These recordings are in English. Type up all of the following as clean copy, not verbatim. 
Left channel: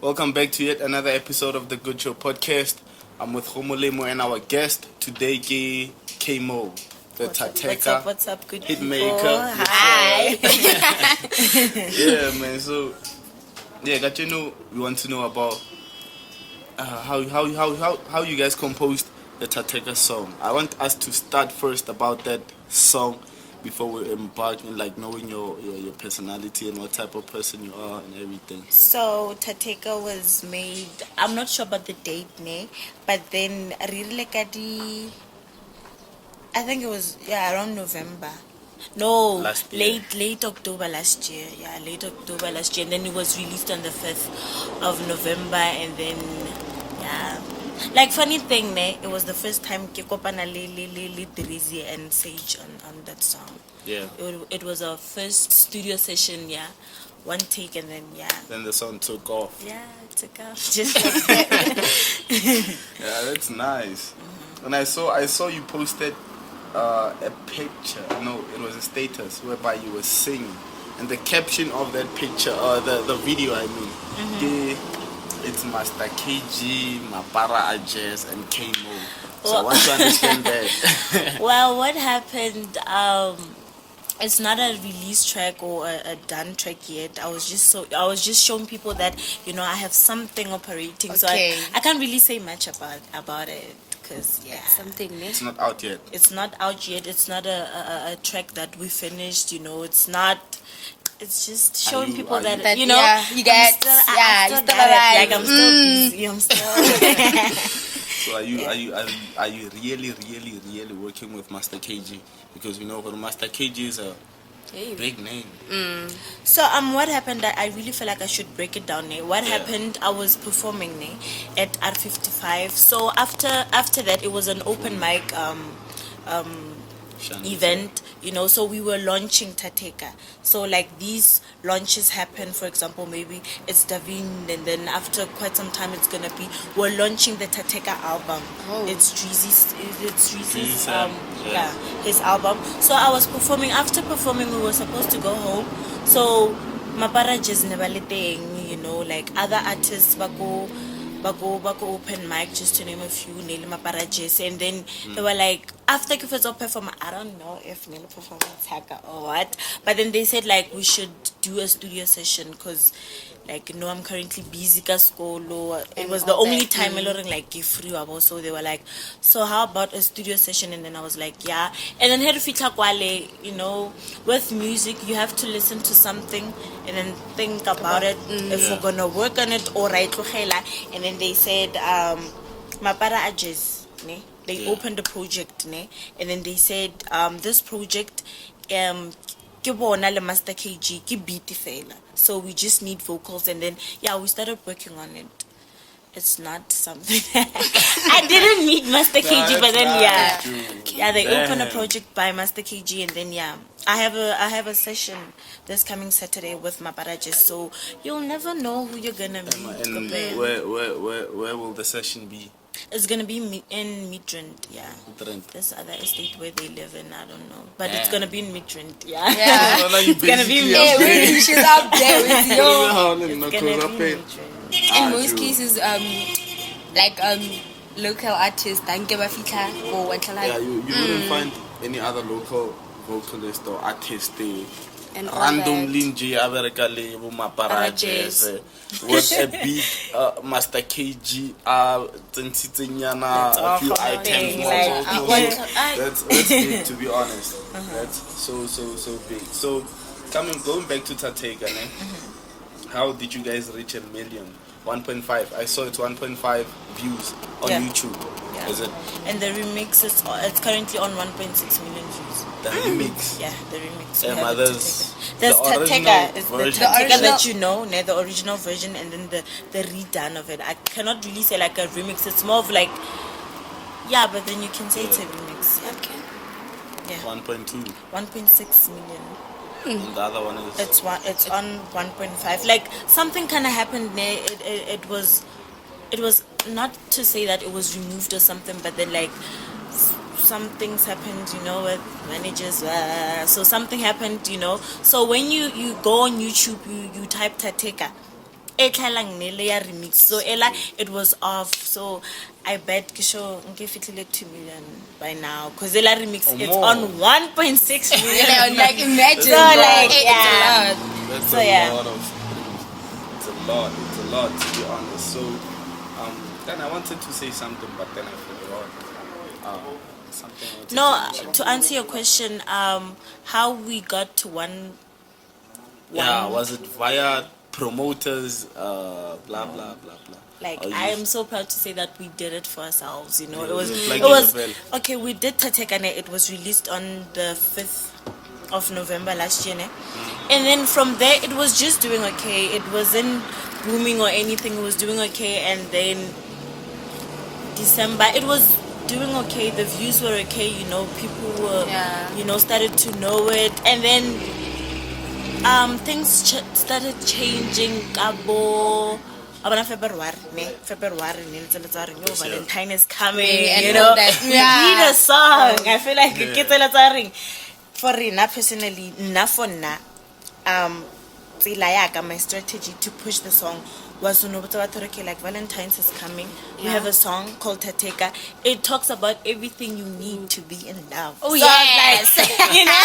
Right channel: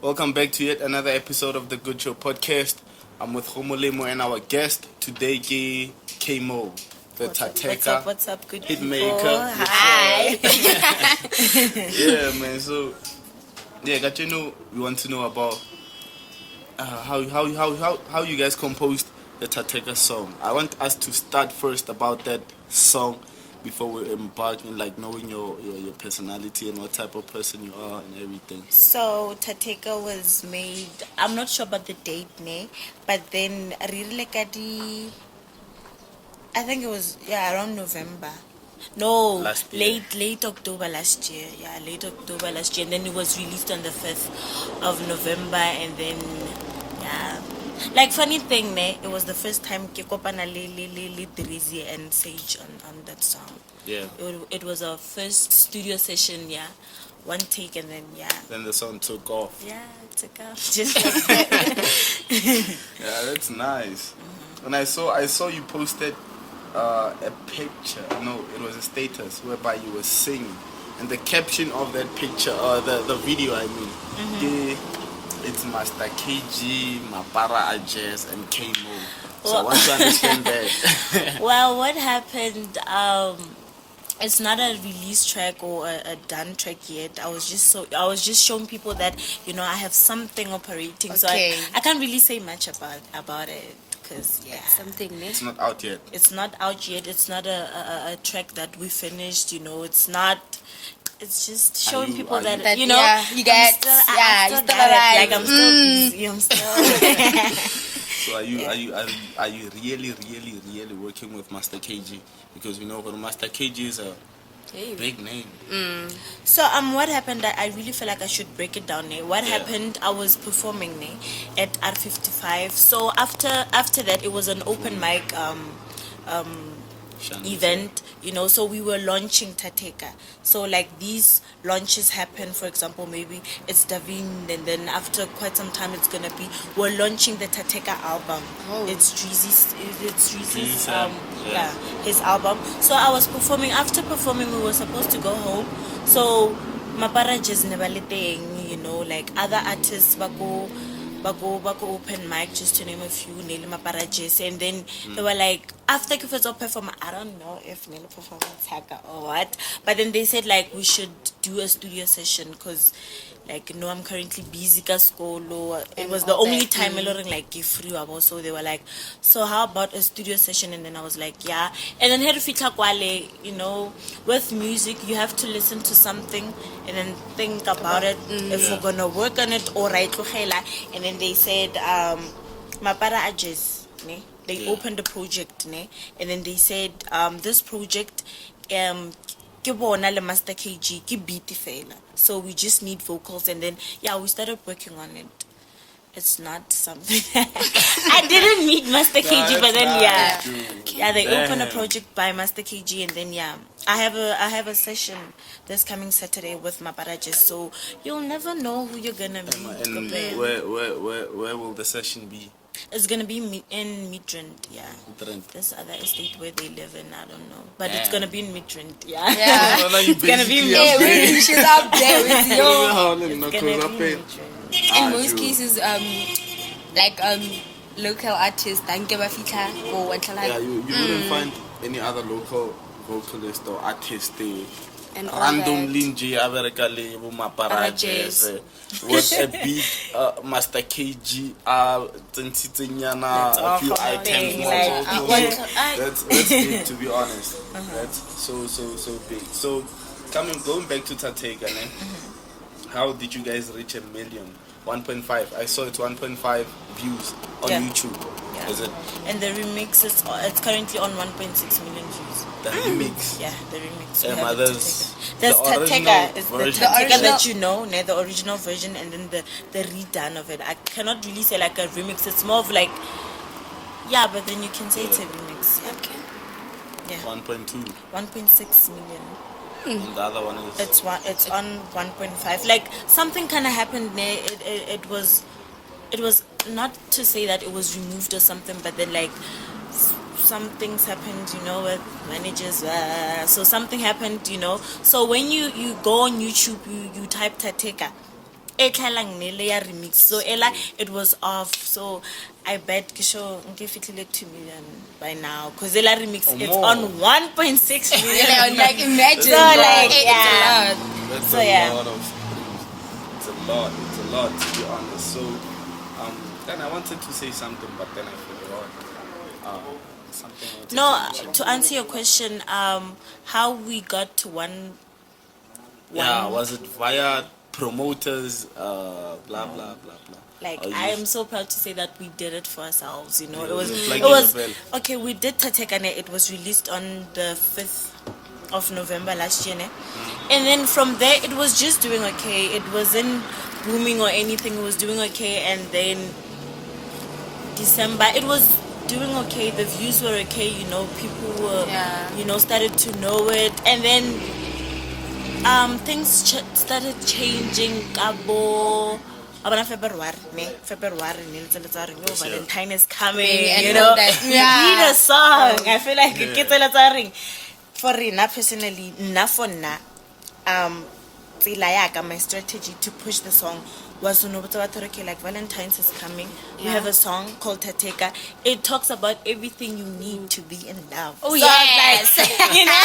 Welcome back to yet another episode of the Good Show podcast. I'm with Homolemo and our guest today, Kaymor, the Tateka What's up, good hitmaker. Hi. Yeah, man. So, we want to know about how you guys composed the Tateka song. I want us to start first about that song before we embark in knowing your personality and what type of person you are and everything. So Tateka was made, I'm not sure about the date, but then really I think it was around November. No, late October last year. Yeah, late October last year, and then it was released on the 5th of November, and then funny thing, it was the first time Kekopana Drizzy and Sage on that song. Yeah. It was our first studio session, one take, and then Then the song took off. Yeah, it took off. Just like that. Yeah, that's nice. And I saw you posted a picture. No, it was a status whereby you were singing, and the caption of that picture, or the video, I mean, it's Master KG, Mapara, and Kaymor. So I want to understand that. Well, what happened? It's not a release track or a done track yet. I was just showing people that I have something operating. Okay. So I can't really say much about it because something. It's not out yet. It's not out yet. It's not a track that we finished. It's not. It's just showing people that you get. I'm still. So are you really working with Master KG? Because Master KG is a big name. So what happened? I really feel like I should break it down. What happened? I was performing at R55. So after that, it was an open mic event, so we were launching Tateka. So these launches happen, for example, maybe it's Davin, and then after quite some time we're launching the Tateka album. It's Drizzy's his album. So I was performing. After performing, we were supposed to go home. So Mapara just never let other artists go open mic, just to name a few, Mapara, and then they were like, after Kifezo perform, I don't know if Nilo performance hacker or what, but then they said we should do a studio session because I'm currently busy at school. It was the only time free, so they were like, so how about a studio session? And then I was like, yeah. And then with music you have to listen to something and then think about it, if we're gonna work on it or right. And then they said Mapara Ajes, they opened a project, and then they said this project ke bona le Master KG ke beat fela, so we just need vocals. And then we started working on it. It's not something I didn't meet Master KG, but then they opened a project by Master KG, and then I have a session this coming Saturday with Mapara, so you'll never know who you're gonna meet. And where will the session be? It's gonna be in Midrand, this other estate where they live in, I don't know, but it's gonna be in Midrand, It's gonna be in Midrand. She's up there with you. It's gonna be in in most cases, local artists don't give a fita or what. You wouldn't find any other local vocalist or artist and randomly nje abereka le bo Mapara jazz with a big Master KG tsentsenyana a few items more. That's big, to be honest. That's so big. So going back to Tateka, how did you guys reach 1 million? 1.5. I saw it's 1.5 views on YouTube. Is it? And the remix it's currently on 1.6 million views. The remix. Yeah, the remix. And others. There's Tateka, the Tateka that the original version, and then the redone of it. I cannot really say a remix. It's more of but then you can say it's a remix. Okay. Yeah. 1.2. 1.6 million. And the other one is. It's on 1.5. Something kind of happened there. It was not to say that it was removed or something, but then some things happened, with managers. So something happened, So when you go on YouTube, you type Tateka, etlalang ne le ya remix. So ela it was off. So I bet kisho ngifihlile 2 million by now because ela remix it's more. on 1.6 million. Yeah, like imagine. So, like, it's yeah. a lot. That's So, a yeah. lot of streams. It's a lot to be honest. So then I wanted to say something, but then I forgot. Something I wanted No, to mention. to answer your question, how we got to one. Yeah, was it via promoters? Blah blah blah blah. Like Or I you- am so proud to say that we did it for ourselves. You know, Yeah, it was it's like it was in a bell. okay. We did Tatekane. It was released on the 5th of November last year, ne? And then from there it was just doing okay. It wasn't booming or anything. It was doing okay, and then December it was doing okay. The views were okay. You know, people were started to know it, and then things started changing. About February, Valentine is coming, And you all know. that. You Yeah. need a song. I feel like it's a for Rina personally, my strategy to push the song was to know okay, like Valentine's is coming. We have a song called Tateka. It talks about everything you need to be in love. Oh, so I yes. was like, you know,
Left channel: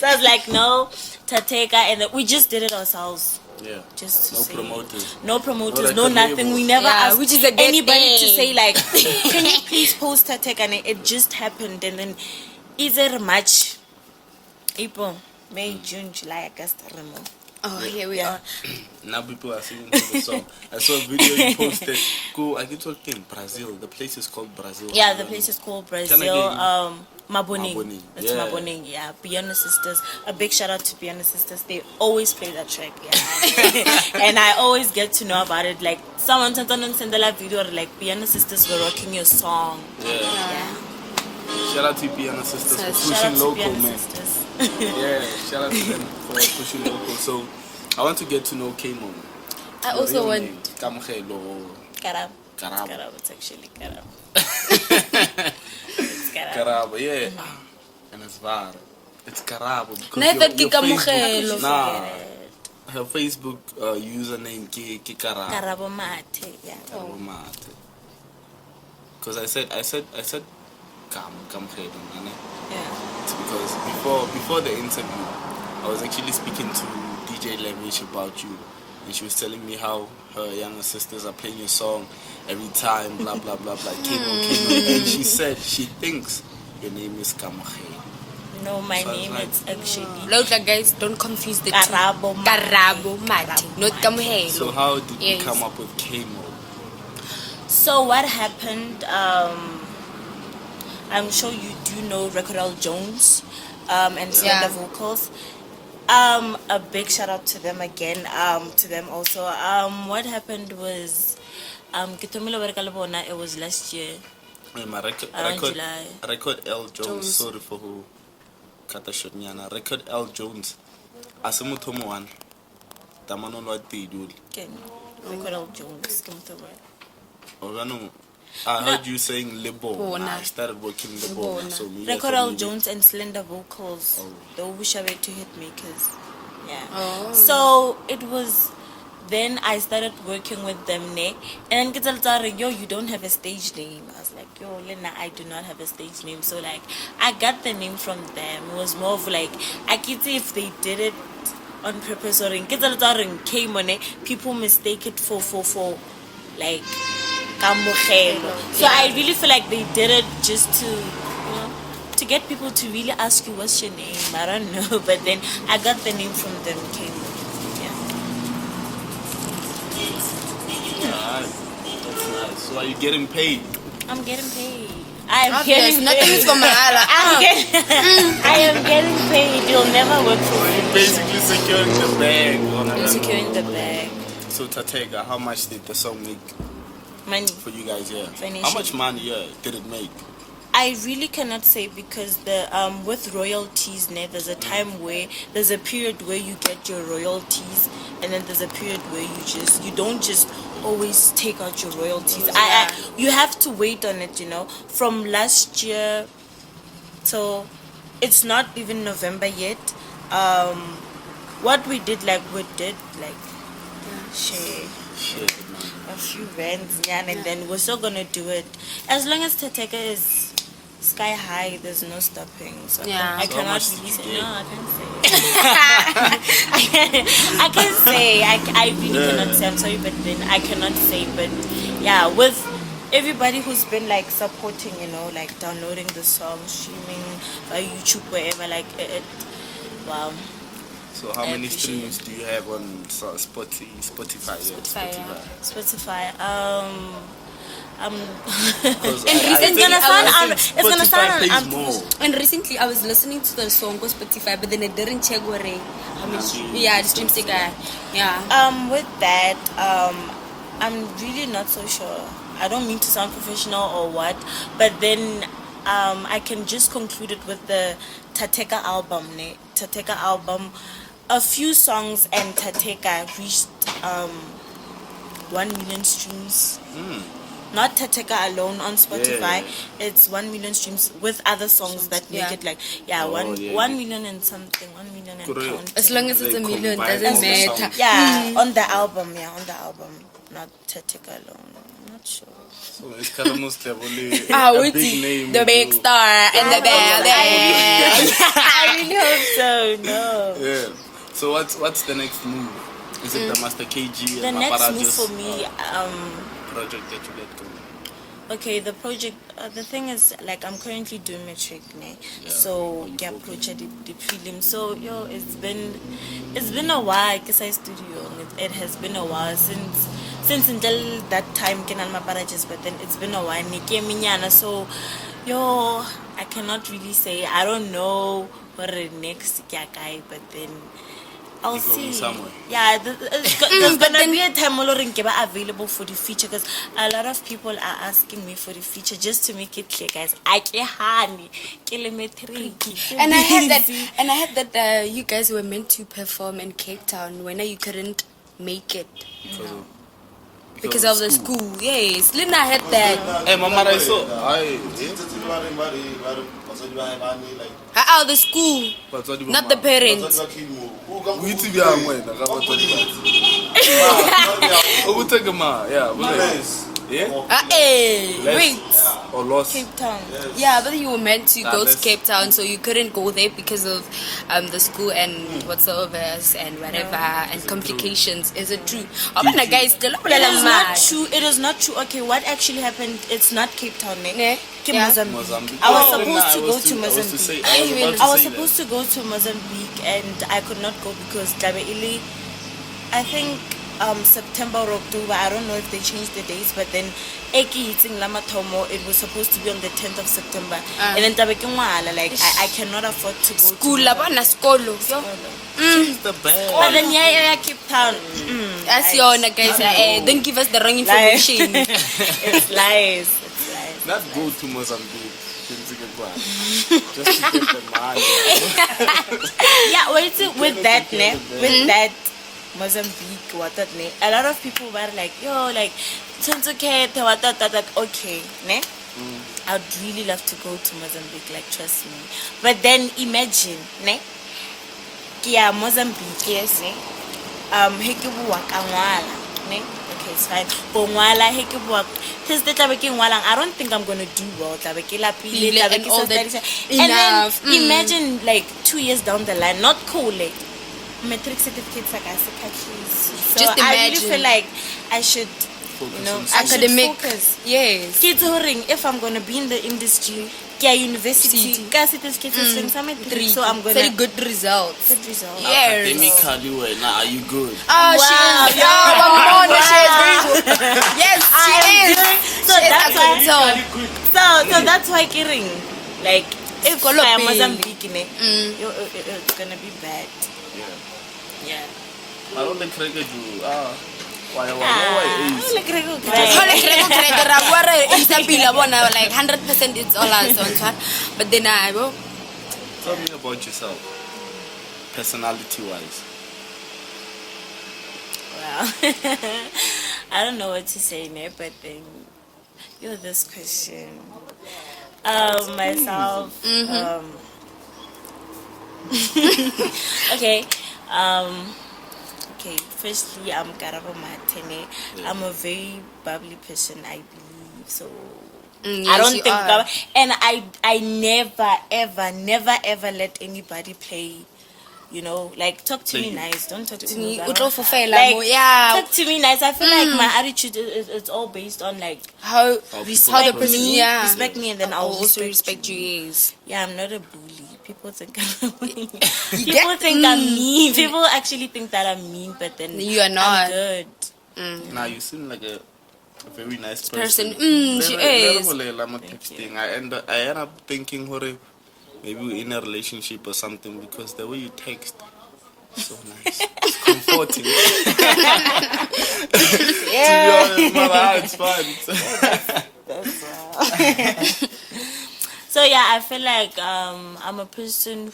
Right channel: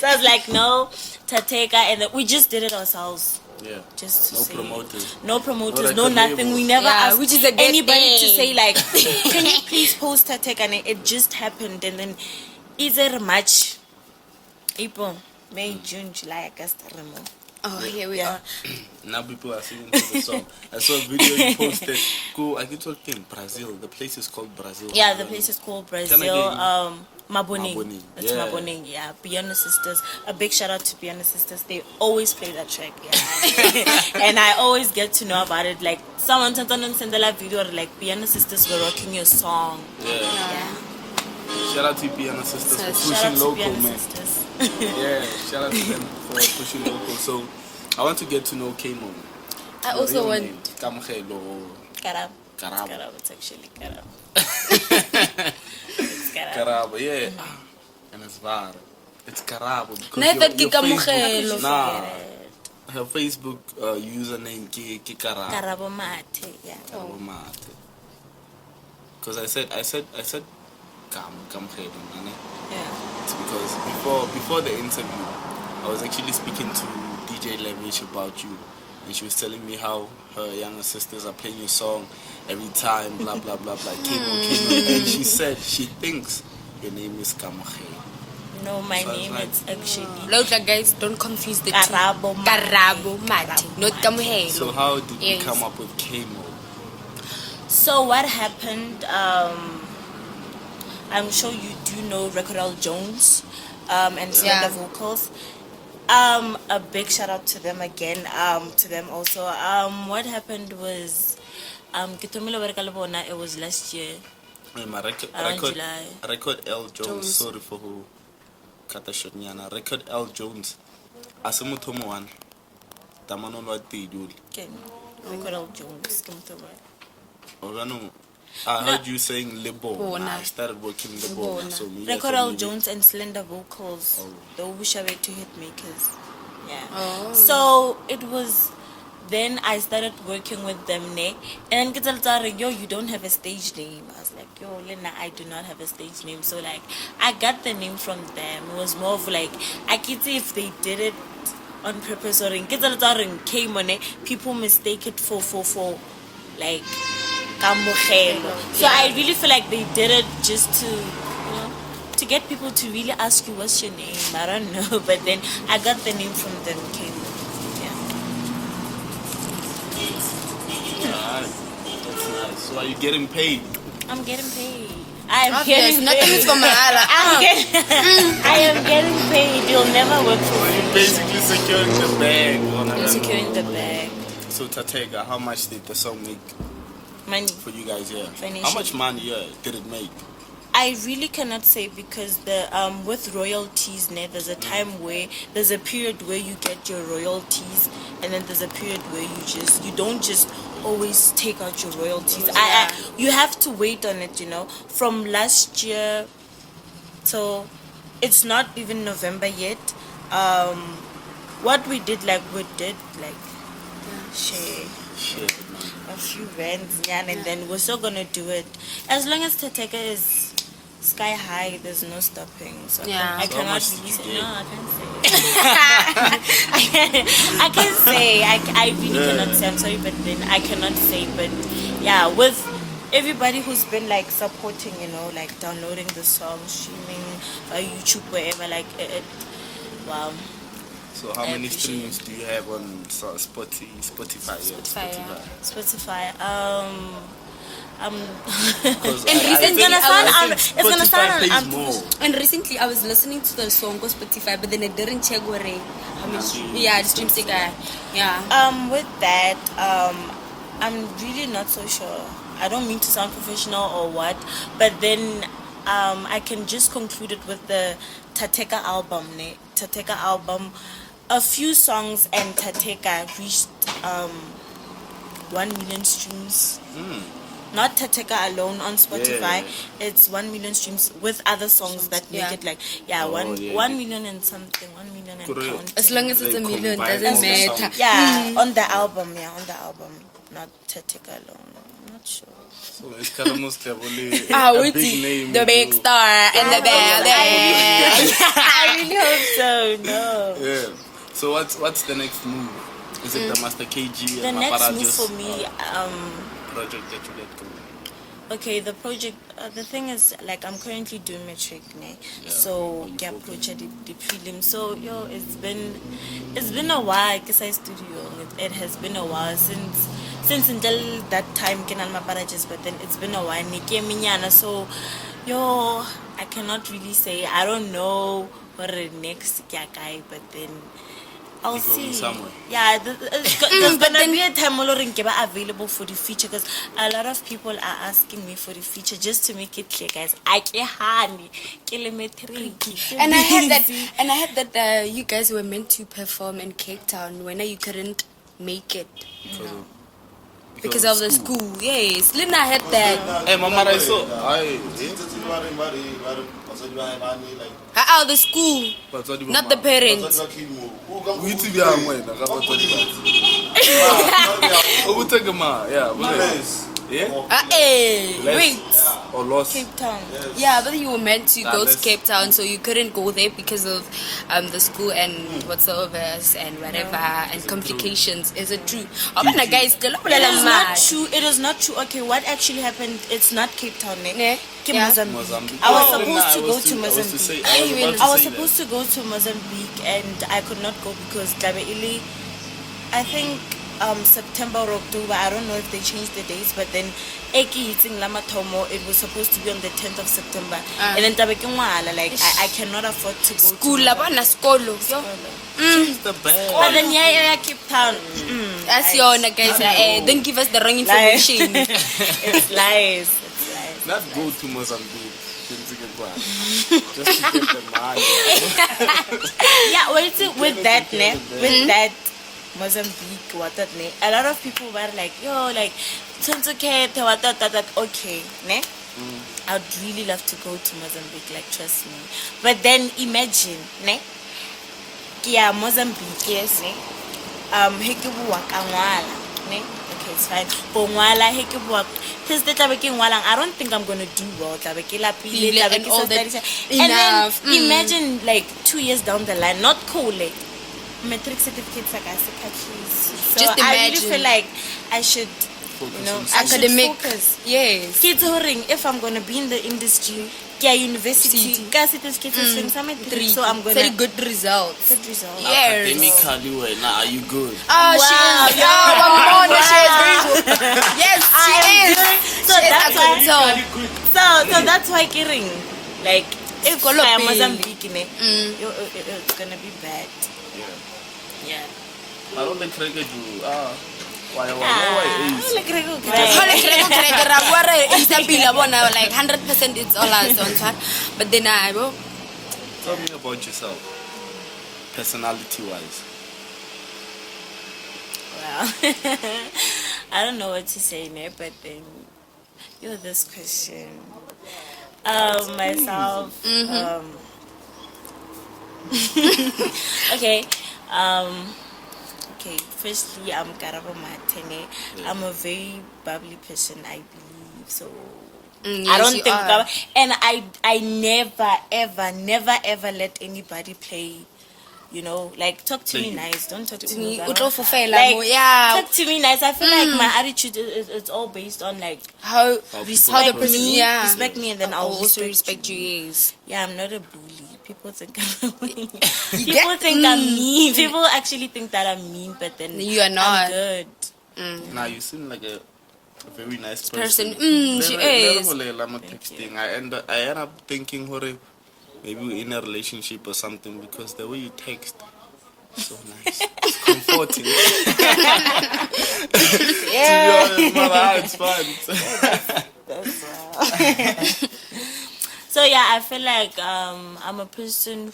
so I was like, no, Tateka, and then we just did it ourselves. Yeah. Just to No say, promoters. no promoters, No no record nothing. labels. We never Yeah, asked which is a good anybody to thing. say like, can you please post Tateka? And it just happened, and then either March, April, May, June, July, August, I don't know. Oh, here we are. Now people are singing to the song. I saw a video you posted. Go, I told him Brazil. The place is called Brazil. Yeah, the place is called Brazil. again? Maboning. Maboning, It's yeah. Maboning, yeah. Piano Sisters. A big shout out to Piano Sisters. They always play that track, yeah. And I always get to know about it. Like, someone sent a live video, like, Piano Sisters were rocking your song. Yeah. Shout out to Piano Sisters for Shout pushing out to local, Piano man. Sisters. Yeah, shout out to them for pushing local. So, I want to get to know Kaymor. I also want. Kamogelo. Karab. Karab. Karab, it's actually Karab. It's Karab. Karabo, yeah. And it's bad. It's Karabo. because No, I thought your Kikamogelo. Nah. Her Facebook username Ki Karabo. Karabo Mate, yeah. Karabo Mate. Because I said Kamogelo, Yeah. It's because before the interview, I was actually speaking to DJ Levish about you, and she was telling me how her younger sisters are playing your song every time, blah blah blah blah. Kaymor. And she said she thinks your name is Kamogelo. No, my So I was name like, is actually Look, guys, don't confuse the two. Karabo Mate. Karabo Mate, not Kamuhelo. So how did you Yes. come up with Kaymor? So what happened? I'm sure you do know Record Jones and Slender Vocals. A big shout out to them again. To them also. What happened was, it was last year. My Around July. record L Jones. Sorry for who. Katashonyana. Record L Jones. Asimutomo one. Tamano no atidul. Okay. Record Jones. I heard you saying Lebo. Bona. I started working Lebo. Bona. So maybe Record Jones and Slender Vocals. Oh. The Ubushawe two hit makers. Yeah. Oh. So it was then I started working with them, ne? And then yo, you don't have a stage name. I was like, yo, Lena, I do not have a stage name. So like I got the name from them. It was more of like I could see if they did it on purpose or in Kaymor, people mistake it for like Kamogelo. So I really feel like they did it just to, you know, to get people to really ask you what's your name. I don't know, but then I got the name from them. Yeah, that's nice. So are you getting paid? I'm getting paid. I'm Okay, getting nothing paid. is from Mapara. I am getting paid. You'll never work for me. Basically securing the bag. I'm securing the bag. So Tateka, how much did the song make Money. for you guys? Yeah. Financially. How much money did it make? I really cannot say because the with royalties, there's a time where there's a period where you get your royalties, and then there's a period where you don't just always take out your royalties. You have to wait on it, you know. From last year till it's not even November yet. What we did, share. Shit, man. a few bands, yeah, and then we're still gonna do it as long as Tateka is sky high. There's no stopping. So Yeah. I So how cannot much really did say. you get? No, I can't say. I can say. I really cannot say. I'm sorry, but then I cannot say. But yeah, with everybody who's been like supporting, like downloading the song, streaming, YouTube, wherever, like it. Wow. So how many streams do you have on Spotify? Spotify. It's gonna sound more. And recently I was listening to the song on Spotify, but then I didn't check what how much. Yeah, the streams they got. Yeah. With that, I'm really not so sure. I don't mean to sound professional or what, but then I can just conclude it with the Tateka album. Tateka album, a few songs and Tateka reached 1 million streams. Not Tateka alone on Spotify. Yeah. It's 1 million streams with other songs that make it like 1 million and something. 1 million and Correct. As long as it's a They million, combine doesn't all the matter. songs. Yeah, on the album. Not Tateka alone. I'm not sure. So it's kind of most heavily Ah, a with big name. the big star and the band. I really hope so. No. Yeah. So what's the next move? Is it the Master KG The and next Mapara move just for me, project that you get going? okay, the project. The thing is, like, I'm currently doing matric, so yeah, project the prelim. So it's been a while because I studio. It has been a while since until that time Kenan Mapara just, but then it's been a while. So I cannot really say. I don't know what the next guy, but then I'll You're going see. somewhere. Yeah, there's gonna be a time available for the feature because a lot of people are asking me for the feature just to make it clear, guys. And I heard that you guys were meant to perform in Cape Town when you couldn't make it because of the school. Yes, Lina had that. Hey, Mapara, so The school, not the parents. Wait. Or lost. Cape Town. Yeah, but you were meant to go to Cape Town, so you couldn't go there because of the school and whatsoever and whatever and complications. Is it true? Guys, It is not true. It is not true. Okay, what actually happened? It's not Cape Town, Mozambique. I was supposed to go to Mozambique. I was supposed to go to Mozambique, and I could not go because I think September or October. I don't know if they changed the dates, but then it was supposed to be on the 10th of September, and then I cannot afford to go. School, skolo. The best. Oh, then Cape Town. That's your guys. Don't give us the wrong information. It's lies. Not go to Mozambique. Just to get the money. Yeah, with that Mozambique, a lot of people were like, okay, I'd really love to go to Mozambique, like, trust me. But then imagine, Mozambique, yes, okay, it's fine. I don't think I'm gonna do well. And all that And then imagine like 2 years down the line, not cool, metric certificates like so just I really imagine. feel like I should Academic. focus. Yes. Kids if I'm gonna be in the industry, university, so I'm gonna very good results. good results. Yes. Academically, are you good? Oh, she Wow. is. Wow. Yes, she is. So She is that's why. academic. So that's why kidding. Like if Kolo I am pele. Mozambique, it's gonna be bad. Yeah. I don't think I do. Why? Look at Like 100% it's all us on track. But then I will. Tell me about yourself, personality-wise. Wow. I don't know what to say now, but then this question. Myself. Okay. okay, firstly, I'm Karabo Matene. I'm a very bubbly person, I believe. So I don't think that, and I never ever let anybody play. You know, like, talk to me nice. Don't talk to me. Like, talk to me nice. I feel like my attitude is all based on like how respect me, respect me, and then I'll also respect you. Yes. Yeah, I'm not a bully. People think people think I'm mean. People actually think that I'm mean, but then you are not. I'm good. Now you seem like a very nice person. She is. I end up thinking, maybe we're in a relationship or something, because the way you text is so nice. It's comforting. It's fun. So yeah, I feel like I'm a person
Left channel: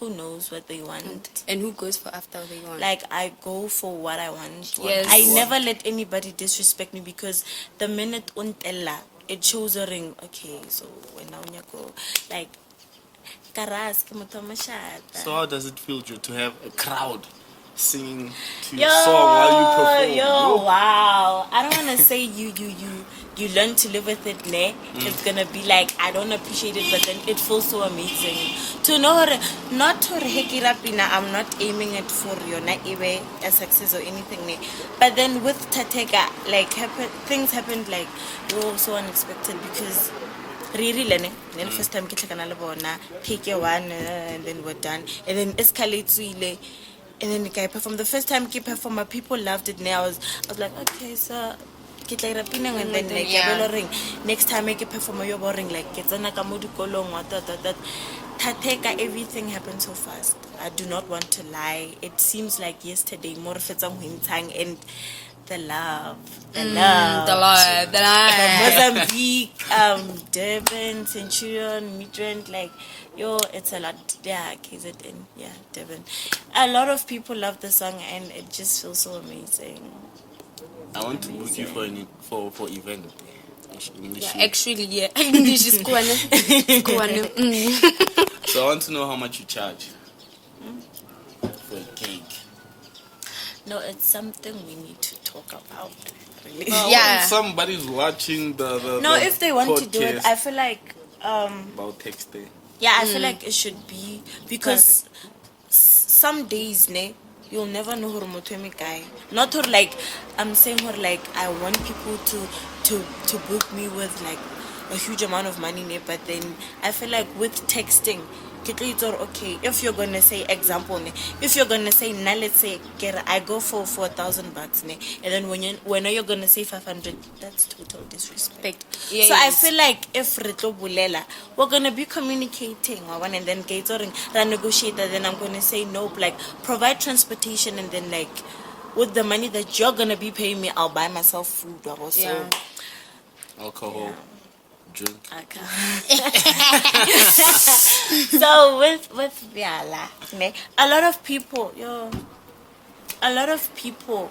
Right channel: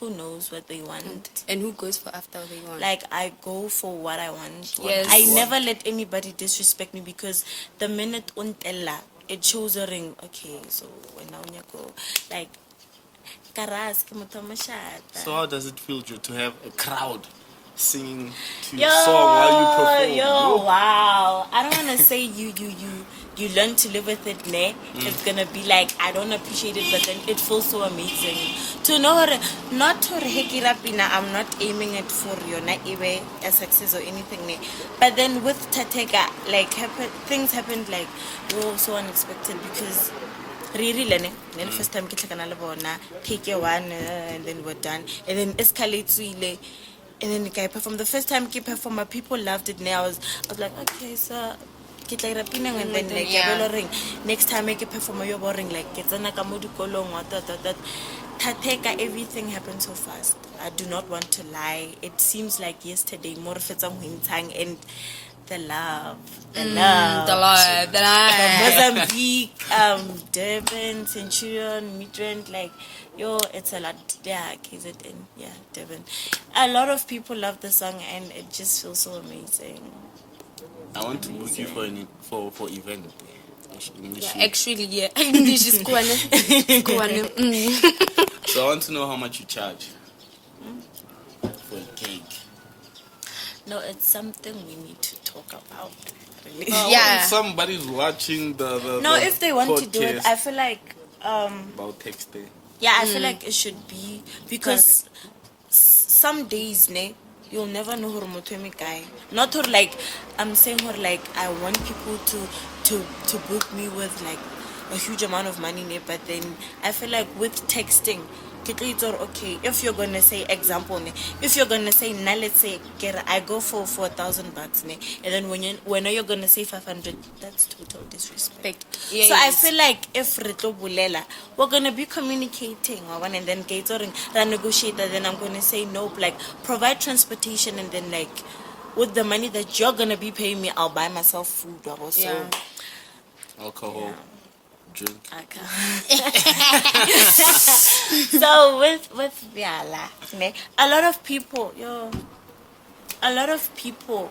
who knows what they want and who goes for after they want. Like, I go for what I want. Yes. I never let anybody disrespect me, because the minute untella, it shows a ring. Okay, so when I go, like, so how does it feel to have a crowd singing to your song while you perform? Wow. I don't want to say you learn to live with it, ne? It's gonna be like, I don't appreciate it, but then it feels so amazing. To know, not to hekirapina, I'm not aiming it for you, not even a success or anything, ne? But then with Tatega, like, things happened like, so unexpected, because really, then first time take your one, and then we're done, and then escalates really. And then I performed. The first time I performed, people loved it. Now I was like, okay, so and then like next time I perform, you're boring. Like it's an that everything happened so fast. I do not want to lie. It seems like yesterday, more and the love. Mozambique, Durban, Centurion, Midrand, like, it's a lot. Yeah, KZN, yeah, Durban. A lot of people love the song, and it just feels so amazing. I want to book you for event. Actually, yeah. So I want to know how much you charge for a cake. No, it's something we need to talk about. Really. Somebody's watching the no, if they want to do it, I feel like about texting. Yeah, I feel like it should be, because some days, you'll never know who guy. Not her like, I'm saying her like, I want people to book me with like a huge amount of money, but then I feel like with texting, okay, if you're gonna say example, if you're gonna say now, let's say I go for $4,000, and then when you're gonna say 500, that's total disrespect. Yeah, so I feel like if we're gonna be communicating, and then negotiate, then I'm gonna say nope, like provide transportation, and then like with the money that you're gonna be paying me, I'll buy myself food or also alcohol. Drink. So with Viala, a lot of people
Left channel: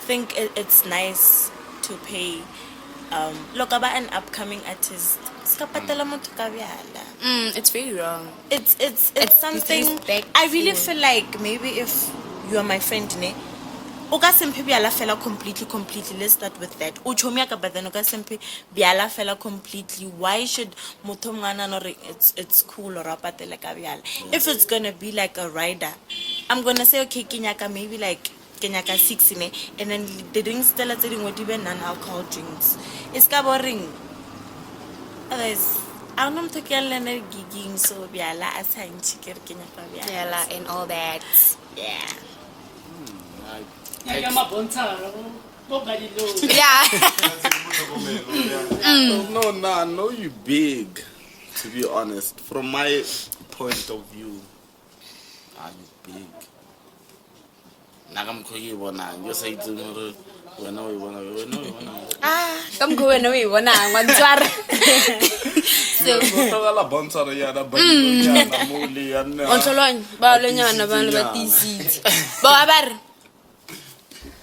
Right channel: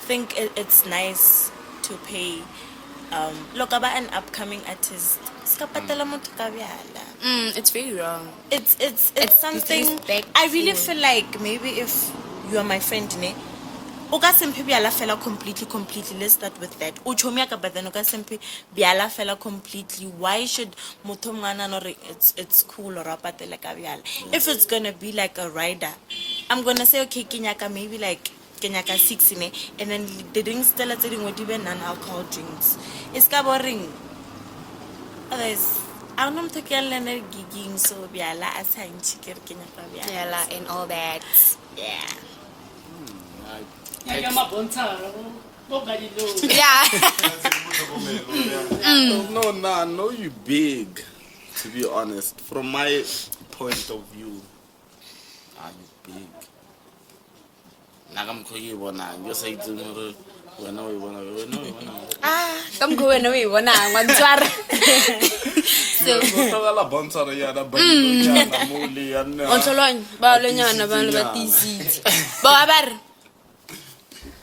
think it's nice to pay. Look about an upcoming artist. It's very wrong. It's something. I really feel like maybe if you are my friend, completely. Let's start with that. Completely. Why should it's cool or if it's gonna be like a rider, I'm gonna say okay, Kenyaka maybe like Kenyaka 6 and then the drinks still at even non-alcohol drinks. It's boring. Otherwise, I'm not gigging so biala assign chicken and all that. Yeah. Yeah. No, I know you big, to be honest. From my point of view, you big. You say to me, come go when we wanna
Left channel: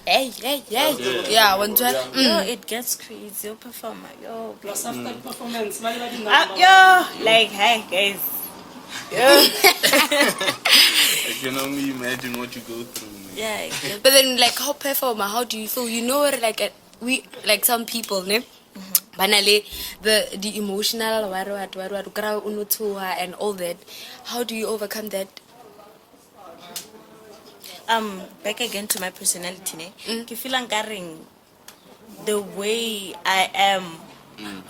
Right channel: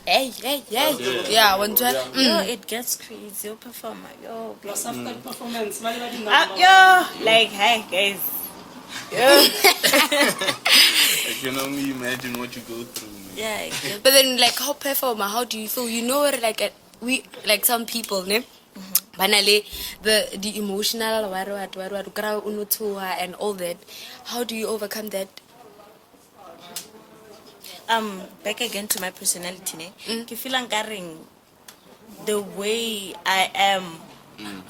Hey. Yeah, one time. It gets crazy. Your performer. Plus after performance, like, hi guys. can only imagine what you go through. Yeah. But then, like, how performer? How do you feel? You know what? Like, we like some people, ne? Banale, the emotional and all that. How do you overcome that? Back again to my personality, ne? Ke feel the way I am.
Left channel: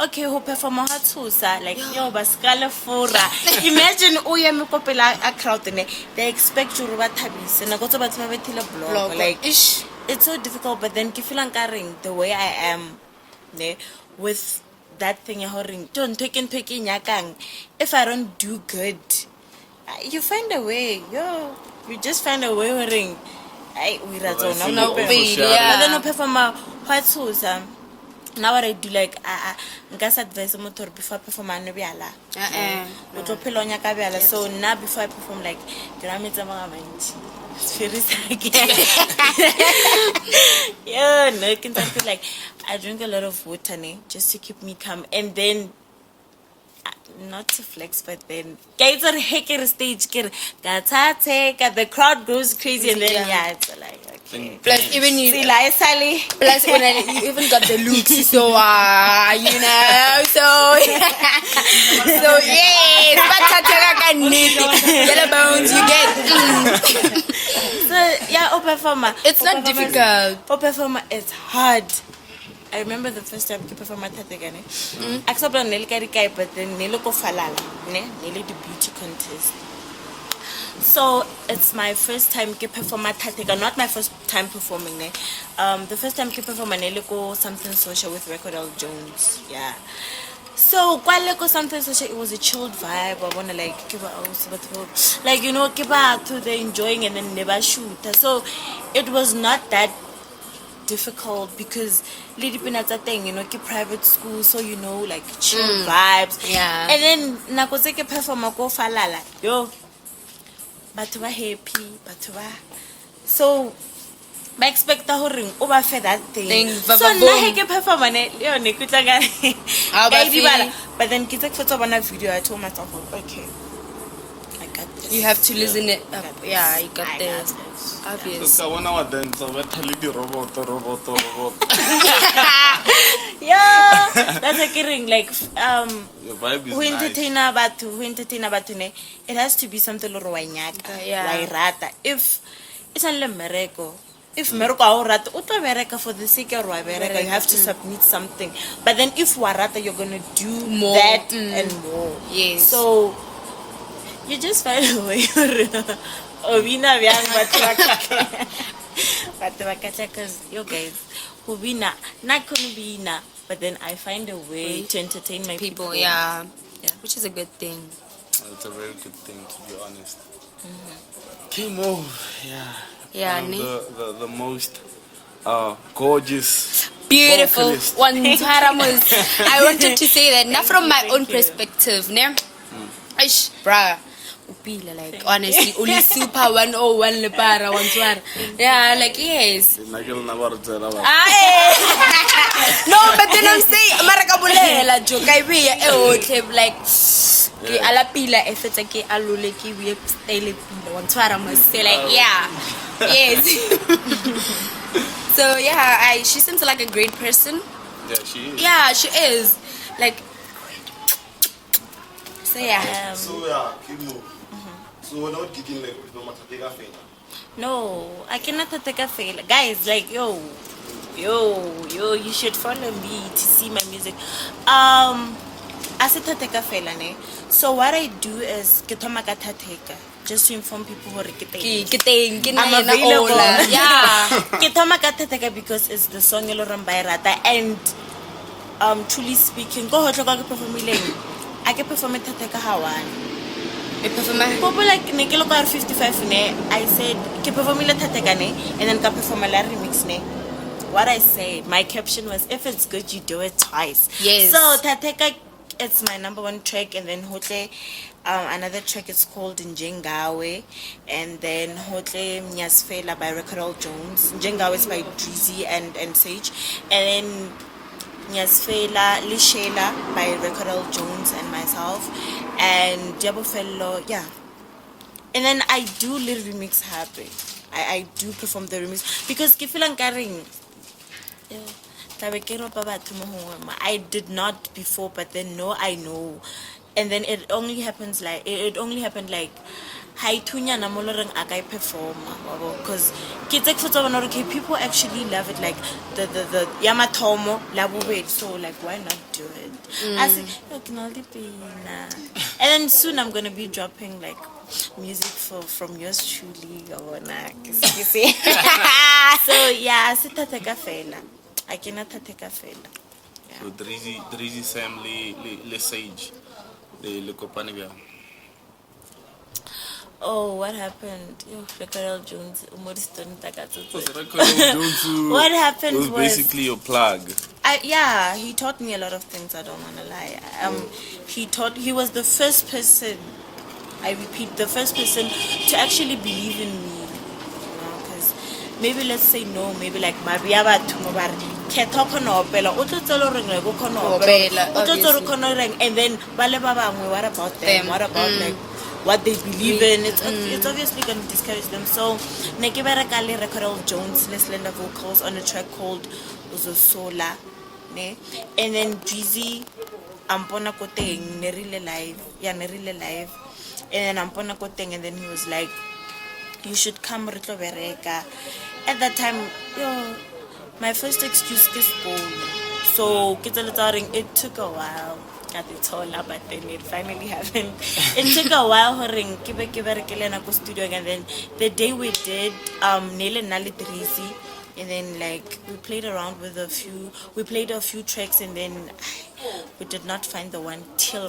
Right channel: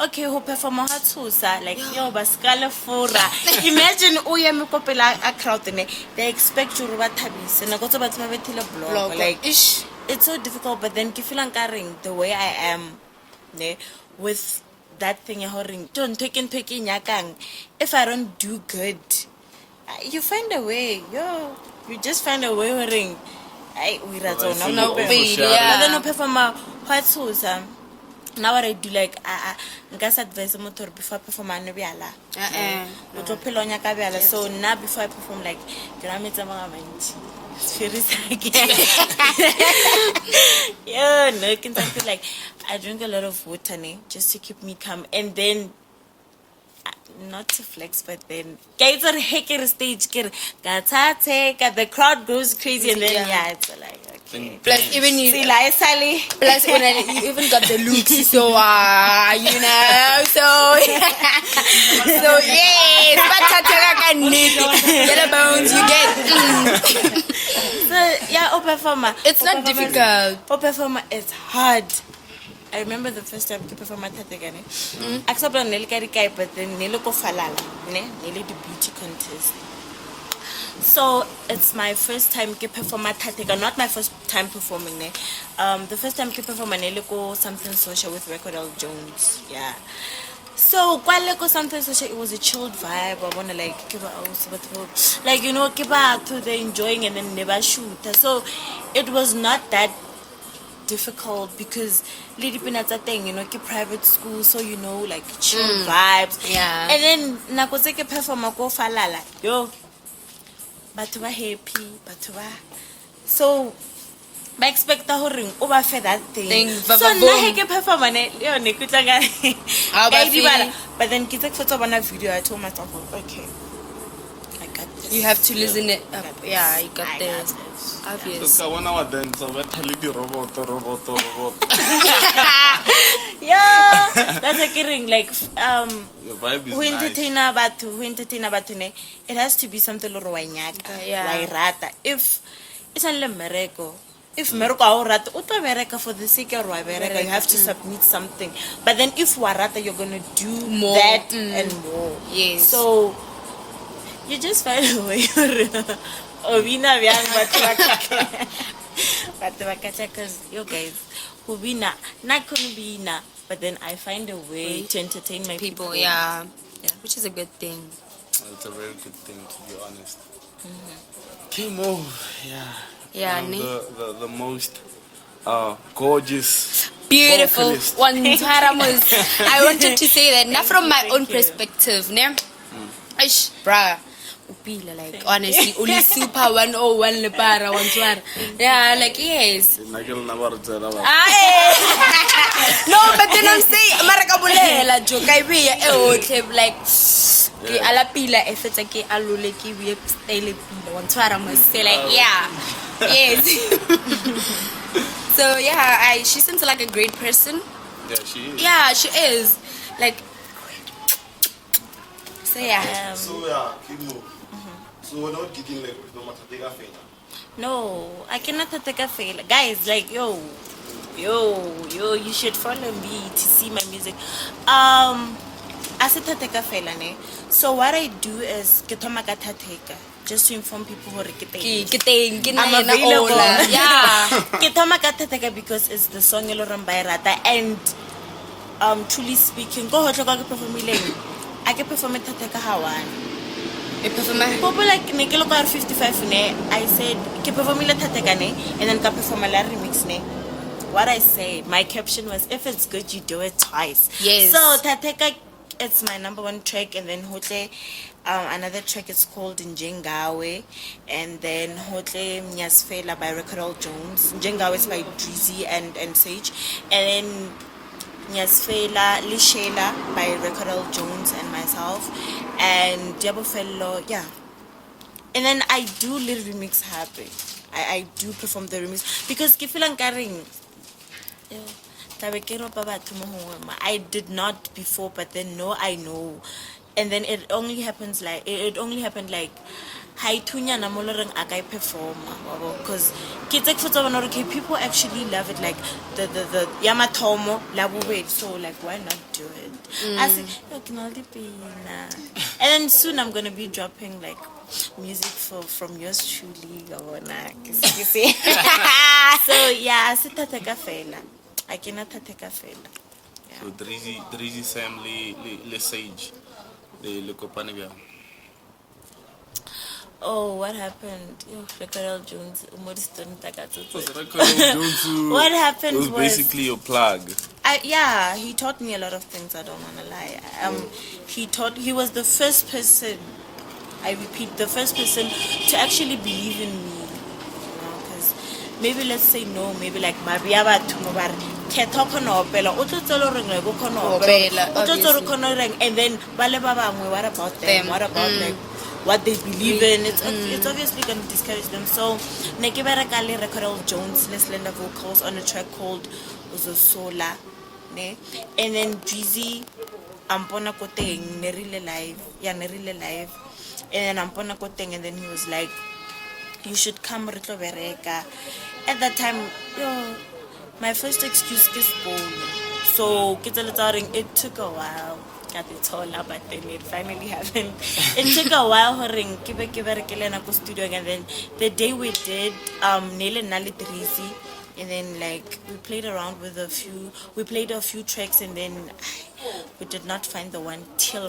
Okay, who perform like yo baskala fora. Imagine oya me kopela a crowd ne. They expect you to bathabise na go tsa batho ba bethile blog like it's so difficult, but then ke feel the way I am ne with that thing don't take nyakang. If I don't do good, you find a way. You just find a way ring. We no then perform now what I do like advise motor before I perform so now before I perform like yeah, no, like I drink a lot of water just to keep me calm, and then not to flex, but then guys are hacker stage the crowd goes crazy, and then it's like okay. Plus even you see like Sally. Plus when you even got the looks, so you know, so yes, yellow bones you get. So yeah, performer. It's not difficult. Performer is hard. I remember the first time I performed at Tategane. Except on Nelkarikai, but then Neloko Falala, Nelly the beauty contest. So it's my first time to perform at Tatega, not my first time performing. The first time to perform at Neloko something social with Recordal Jones. Yeah. So Kwaleko something social, it was a chilled vibe. I wanna like give like give out to the enjoying and then never shoot. So it was not that difficult because Lady Pinata thing, private school, so like chill vibes. Yeah. And then Nakoseke perform go falala. But we're happy, so I expect the whole ring over for that thing. So now he perform but then kids photo on a video, I told myself, okay, I got this. You have to listen it up. Yeah, you got this. So when I was dance, I went to the robot. Yeah, that's a kidding. Like who entertain about it has to be something little like rata. If it's a mereko. If mereko or rata, uto mereka for the sake of mereka, you have to submit something. But then if warata, you're gonna do more that and more. Yes. So you just find a way. Because you guys, but then I find a way to entertain my people. Yeah, which is a good thing. It's a very good thing, to be honest. Kaymor, yeah, the most gorgeous, beautiful vocalist. one. I wanted to say that, not from my own perspective, bruh. Like honestly, only super 101 Mapara, 1 yeah, like yes. No, but then I'm saying America bulela joke I be like ala pila if it's like alule ki we style pila 1 must say like yeah. Yes. So yeah, she seems like a great person. Yeah, she is. Yeah, she is. Like so yeah. So we're not getting like no matter take a fail. No, I cannot take a fail. Guys, like yo, you should follow me to see my music. I said take a fail, so what I do is get on my just to inform people who are I'm available. Yeah. Because it's the song by Rata, and truly speaking, go ahead and perform. I can perform it Hawan. People like Nikelo 55 I said ke perform and then ka perform a remix what I say, my caption was, if it's good you do it twice. Yes. So Tateka, it's my #1 track, and then Hotle another track is called Njengawe, and then Hotle Mnyasfela by Recordal Jones. Njengawe is by Drizzy and Sage, and then Nyasfela Lishela by Recordal Jones and myself, and Diabo Fellow, And then I do little remix happy. I do perform the remix because ke feel nkaring I did not before, but then no, I know. And then it only happens like it only happened like hi tunya na moloreng akai perform because okay, people actually love it, like the yamatomo labube, so like why not do it? I said and then soon I'm gonna be dropping like music from yours truly. You see? So yeah, I cannot take a fail. So Drizzy Sam le Sage le kopane bya. Oh, what happened? Recorel Jones, what happened was basically your plug. Yeah, he taught me a lot of things, I don't want to lie. He was the first person, I repeat, the first person to actually believe in me. Because maybe let's say no, maybe like Mariaba Tumobar, and then what about them? What about like what they believe in? It's obviously going to discourage them. So Nekibara Recorel Jones, slender vocals on a track called Uzosola. And then Drizzy Ampona Koteng, Nerile Live. And then Ampona Koteng, and then he was like, you should come Rito Bereka. At that time, my first excuse is phone. So it took a while. But then it finally happened. It took a while studio, and then the day we did Nele Nali Drizzy, and then like we played around with a few tracks, and then we did not find the one till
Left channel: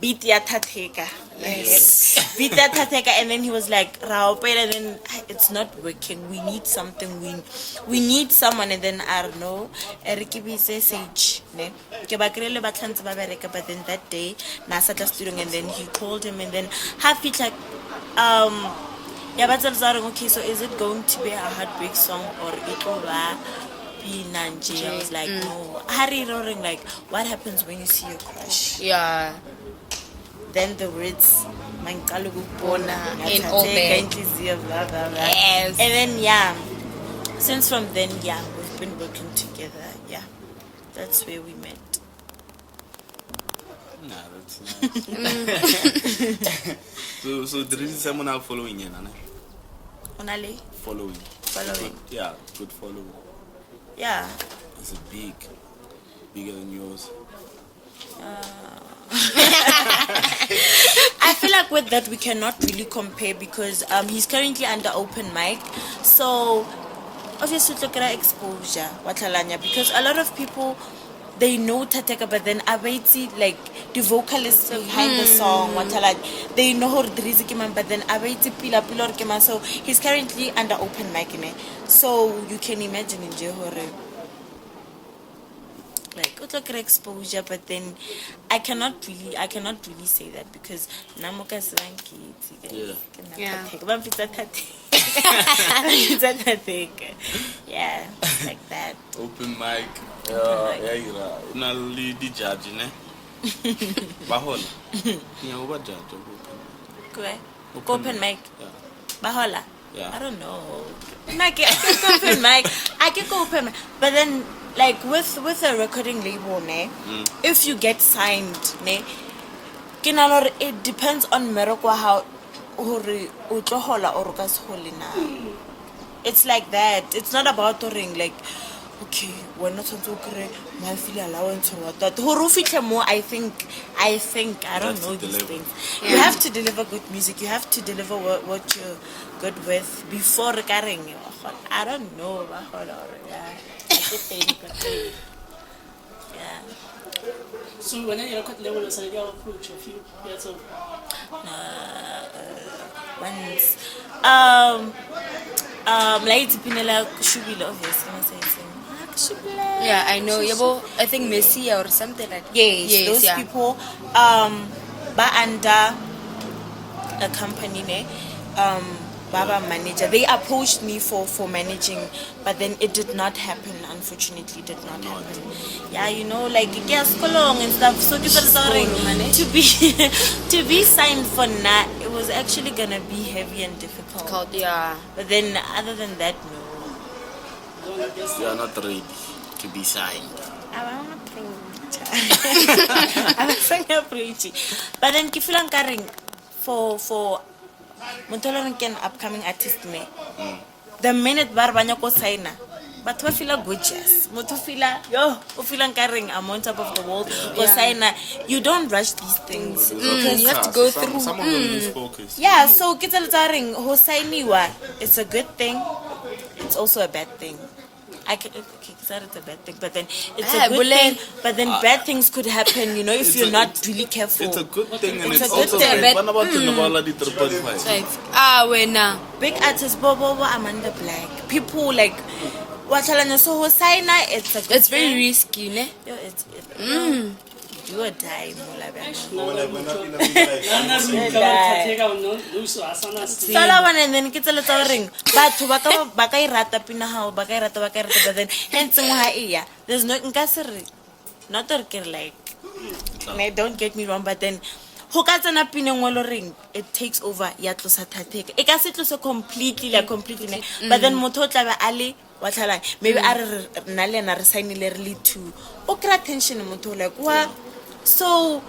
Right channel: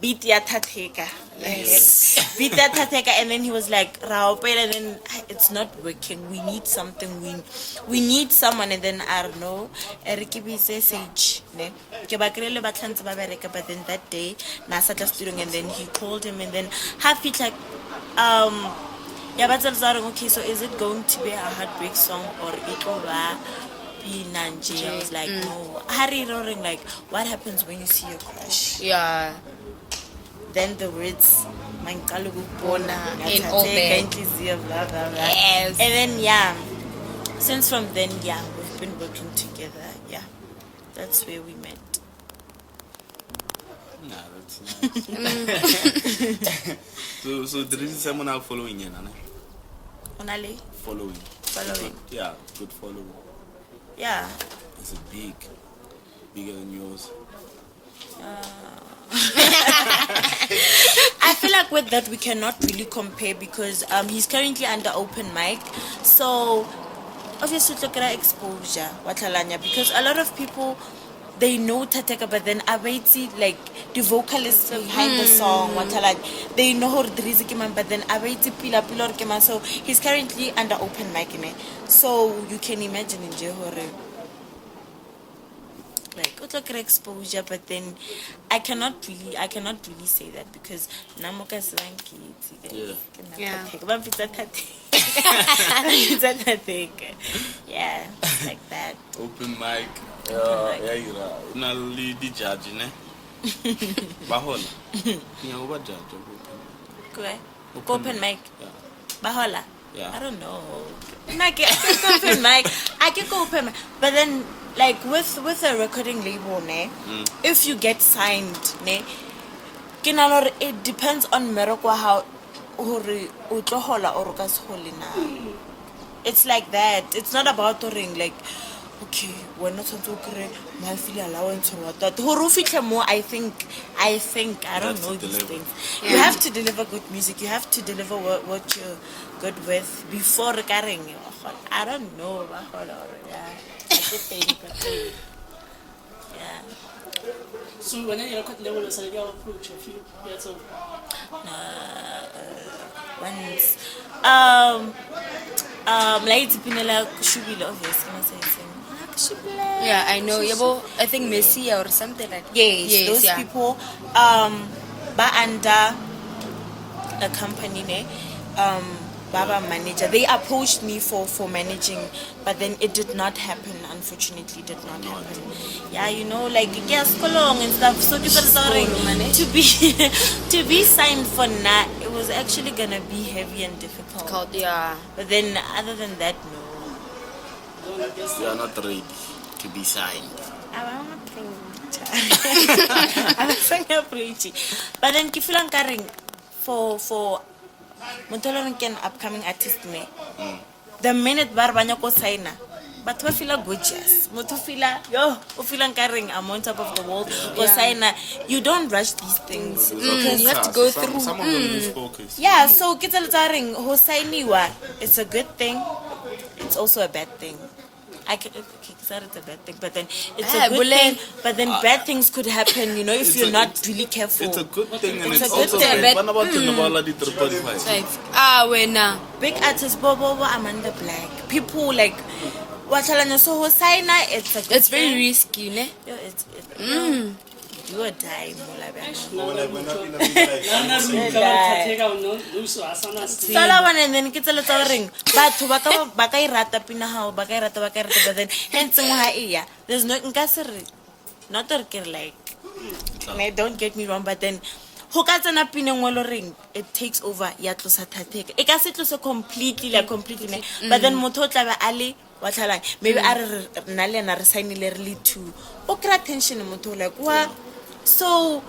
beat ya Tateka. Yes. Beat that Tateka, and then he was like, and then it's not working. We need something. We need someone, and then I don't know. Erikibi says Sage. But then that day, Nasa studio, and then he called him, and then half it like okay, so is it going to be a heartbreak song or it will be Nanji? I was like, no. Harry roaring, like, what happens when you see your crush? Yeah. Then the words, in all that. Yes. And then since from then, we've been working together. Yeah, that's where we met. Nah, that's so there is someone now following you, Nana? Onale? Following. Yeah, good following. Yeah. Is it bigger than yours? I feel like with that we cannot really compare because he's currently under open mic. So obviously look at exposure, because a lot of people, they know Tateka, but then Abaiti, like the vocalist behind the song, they know her Drizzy Kiman, but then Abaiti Pila Kiman. So he's currently under open mic in it. So you can imagine in Johore. Like exposure, but then I cannot really say that because Namoka Swanky. Yeah, like that. Open mic. You know, lady judge, ne? Bahola. Yeah, what judge? Open mic. Bahola. Yeah. I don't know. I can open mic. I can go open mic, but then. Like with a recording label, if you get signed, it depends on Morocco how it's like that. It's not about like, okay, we're not going to my feel allowance or not that. More, I think I don't know these things. You have to deliver good music. You have to deliver what you're good with before recording. I don't know. So when I record level, I say, approach a few years old. Once. Like Pinela Shubila, obviously. Yeah, I know. I think Messi or something like that. Yes, those people. But under a company, Baba manager, they approached me for managing, but then it did not happen. Unfortunately, did not happen. Yeah, like yes, long and stuff. So to be signed for that, it was was actually gonna be heavy and difficult. Yeah. But then, other than that, no. You are not ready to be signed. I'm not preaching. But then, if you're for an upcoming artist, the minute barbanya ko signa, but we feel gorgeous. But we feel yo, we feel I'm on top of the world. You don't rush these things. You have to go through. Some of them lose focus. Yeah, so kita letaring hosainiwa. It's a good thing. It's also a bad thing. It's a bad thing, but then it's a good thing. But then bad things could happen, if you're not really careful. It's a good thing, and It's it's a good also thing, like, but- When Big artists, Bobo, Amanda Black, people like so hosaina. It's a good that's very thing. risky, ne? Yo, you are dying, Sala one and then kita letsa ring. Batho ba ka irata pina hao, ba ka irata, but then hence there's no not like don't get me wrong, but then ho ka tsena pina ngolo ring, it takes over ya tlosa thateka. E ka se tlose completely, but then motho o tla ba ali wa tlhala maybe a re nna le na re signile re le two. O kra tension motho like what. So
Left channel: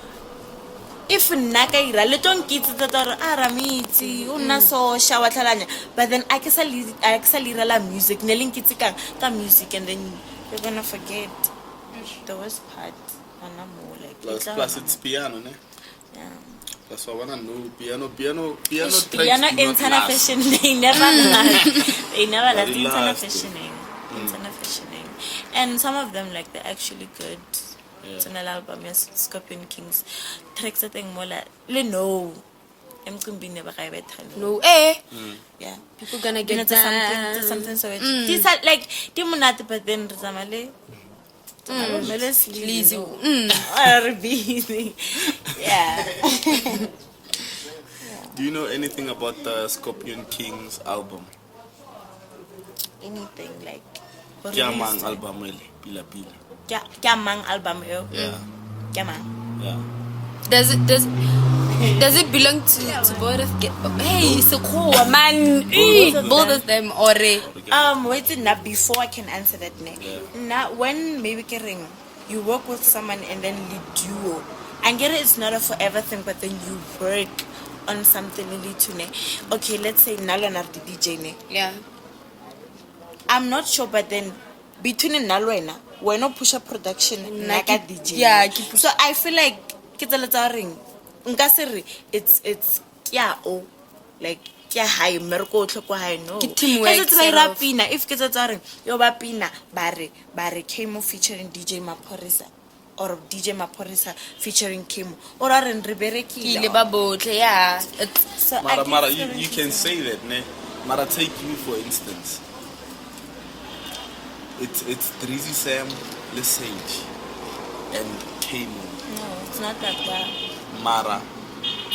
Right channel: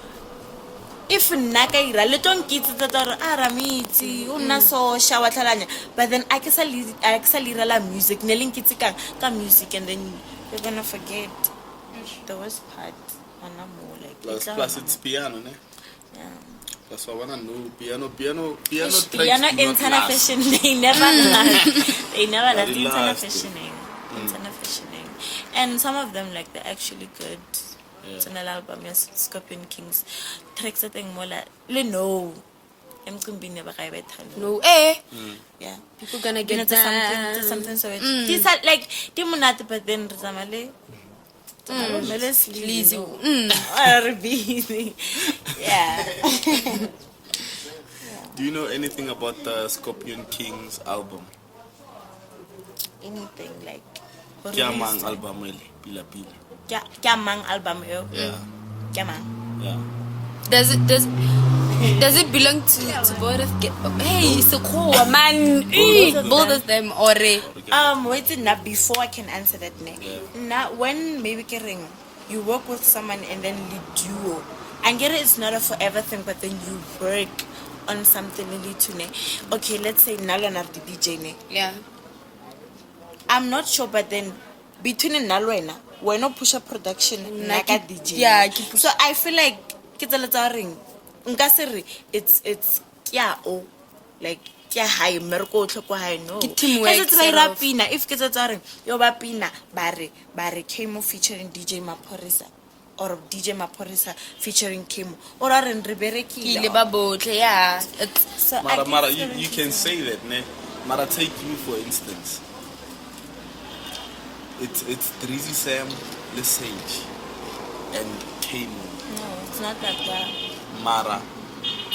if nakaira le don't get it that aramiti una so shower thalanya, but then I can la music neling kitika ka music, and then you're gonna forget the worst part. Plus it's piano, ne? Yeah. That's why I wanna know piano Piano tracks do not internet last. fashion, they never last. They never last. Very Internet last. fashioning. Internet fashioning. And some of them like they're actually good. It's an album, yes, Scorpion Kings. Tracks I think more like no. I'm gonna be never No, yeah. people gonna get To that. something so it's these are like Timonati, but then Ramale. Lazy. Yeah. Do you know anything about the Scorpion Kings album? Anything like Kiamang album ele, pila pila. Kiamang album yo. Yeah. Kiamang. Yeah. Does it belong to both of them? Hey, so cool, man. Both of them or Wait now before I can answer that name. Now when maybe you work with someone and then you duo. And get it, it's not a forever thing, but then you work on something really to ne. Okay, let's say Nalo na the DJ ne. yeah. I'm not sure, but then between Nalo and we're not push up production like a DJ. Yeah, so I feel like kita leta ring. It's like high merko tlhoko high no. Teamwork. It's by rapina. If kita tsare yo ba pina bare Kaymor featuring DJ Mapara or DJ Mapara featuring Kaymor or are in Rebereki. Yeah. So Mara, you can say that, ne? Mara, take you for instance. It's Drizzy Sam, Lesage, and Kaymor. no, it's not like that. Mara,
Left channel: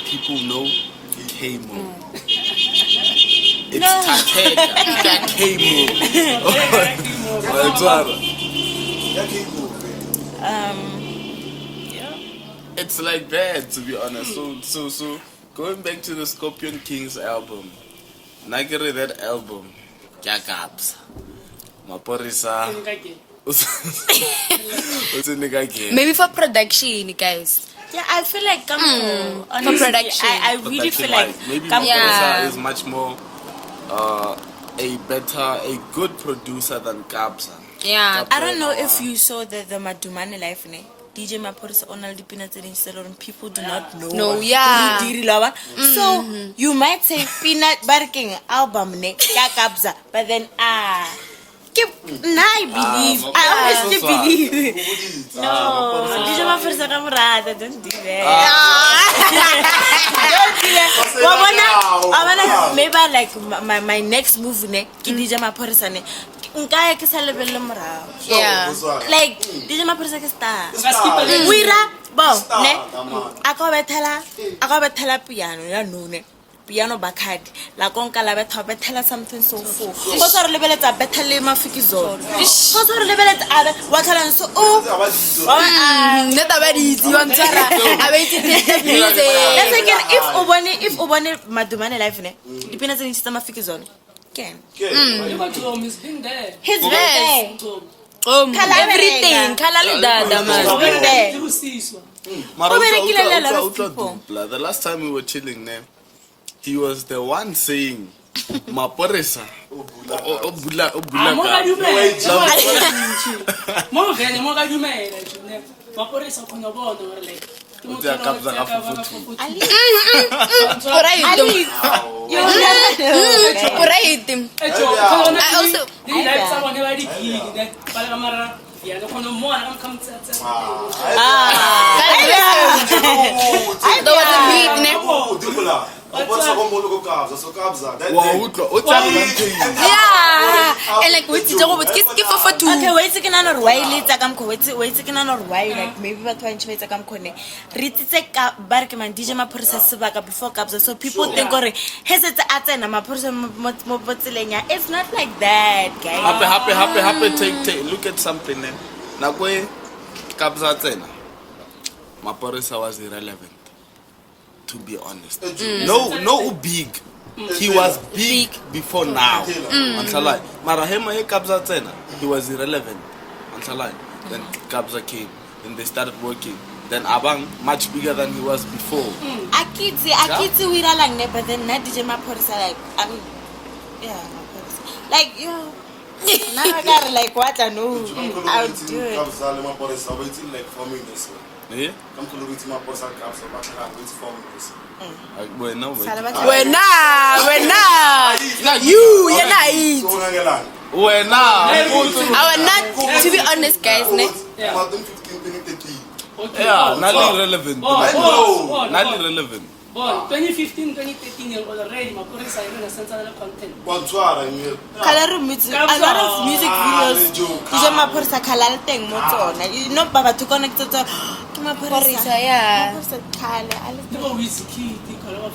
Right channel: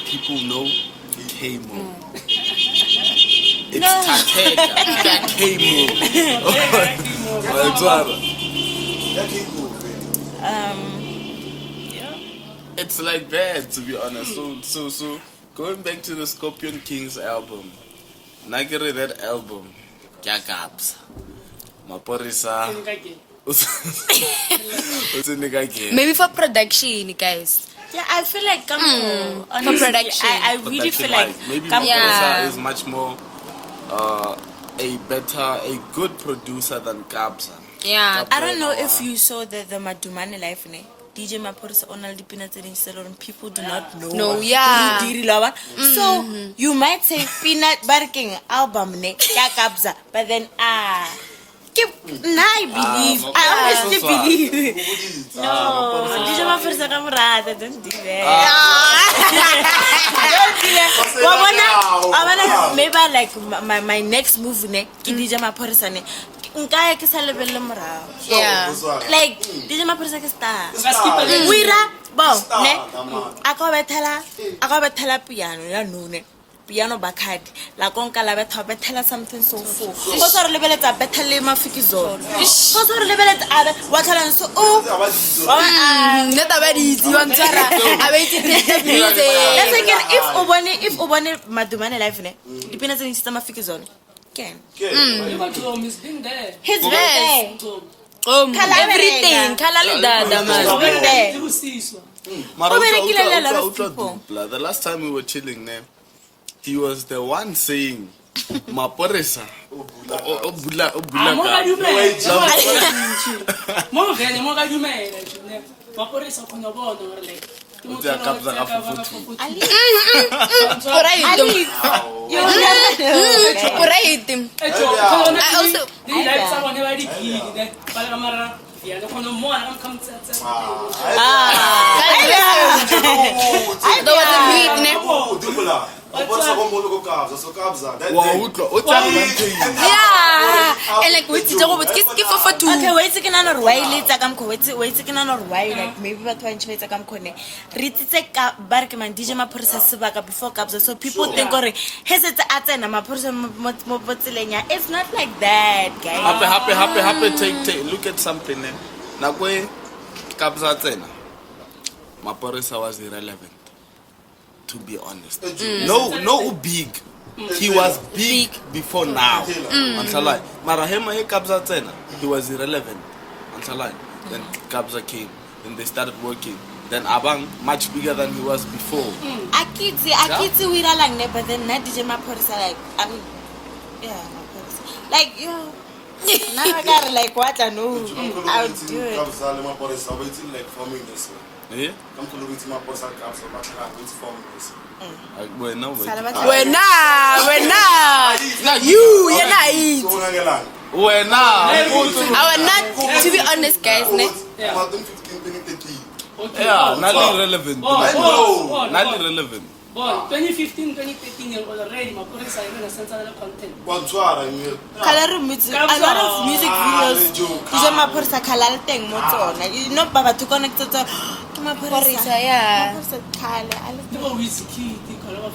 people know Kaymor. It's No. Takeka, Kaymor. It's like that, to be honest. So going back to the Scorpion Kings album, Nagere that album, Jacobs, Maporisa, Maybe for production, guys. Yeah, I feel like honestly, production. I really feel like maybe Kampo- Yeah. Maporisa is much more a good producer than Kabza. Yeah. I don't know if you saw the Matumani life ne. DJ Mapara on all the peanuts and salon, people do not know. No, yeah. So you might say peanut barking album ne Kabza, but then I believe. I honestly believe. No, DJ Mapara Kamurada, don't do that. I wanna maybe like my next move ne DJ Mapara ne. Nkaya ke salebelle morao. Yeah. Like DJ Mapara ke star. Wira bo ne. Aka bethela piano ya no ne. piano bakad la konka la betela something so full go so re lebeletsa betele mafikizolo go so re lebeletsa aba wa tlhala so neta ba di itse wa ntshwara a ba itse if o bone madumane life ne dipena tse ntse mafikizolo ken he's there everything khala le dada man the last time we were chilling there, he was the one saying, Maparesa. and like wait to go but kiss for two. Okay, wait to get on a while it's come wait to get on a while like maybe what when you come kone ritse ka barkman DJ Mapara sebaka before kabza so people think gore hesetse a tsena Mapara mo botselenya. It's not like that, guys. Happy take look at something there. Nakwe kabza tsena Mapara was irrelevant, to be honest. No big. He was big before now. Until Marahema Kabza Tsena, he was irrelevant. Until then Kabza came, then they started working. Then Abang much bigger than he was before. Akitsi we are like that, but then not DJ Mapara like like yo. Now I got like what I know. I'll do it. Yeah? Come to look at my boss and caps, but I'm going to form this. We're now. You're not eat. We're now. Our not, to be honest, guys. Yeah, not irrelevant. Not irrelevant. But 2015, 2013, you was already Mapara is in a sense of content. Kalaru music videos. DJ Mapara kalala teng mo tsona. You know baba to connect to Mapara yeah. People whiskey, they call off.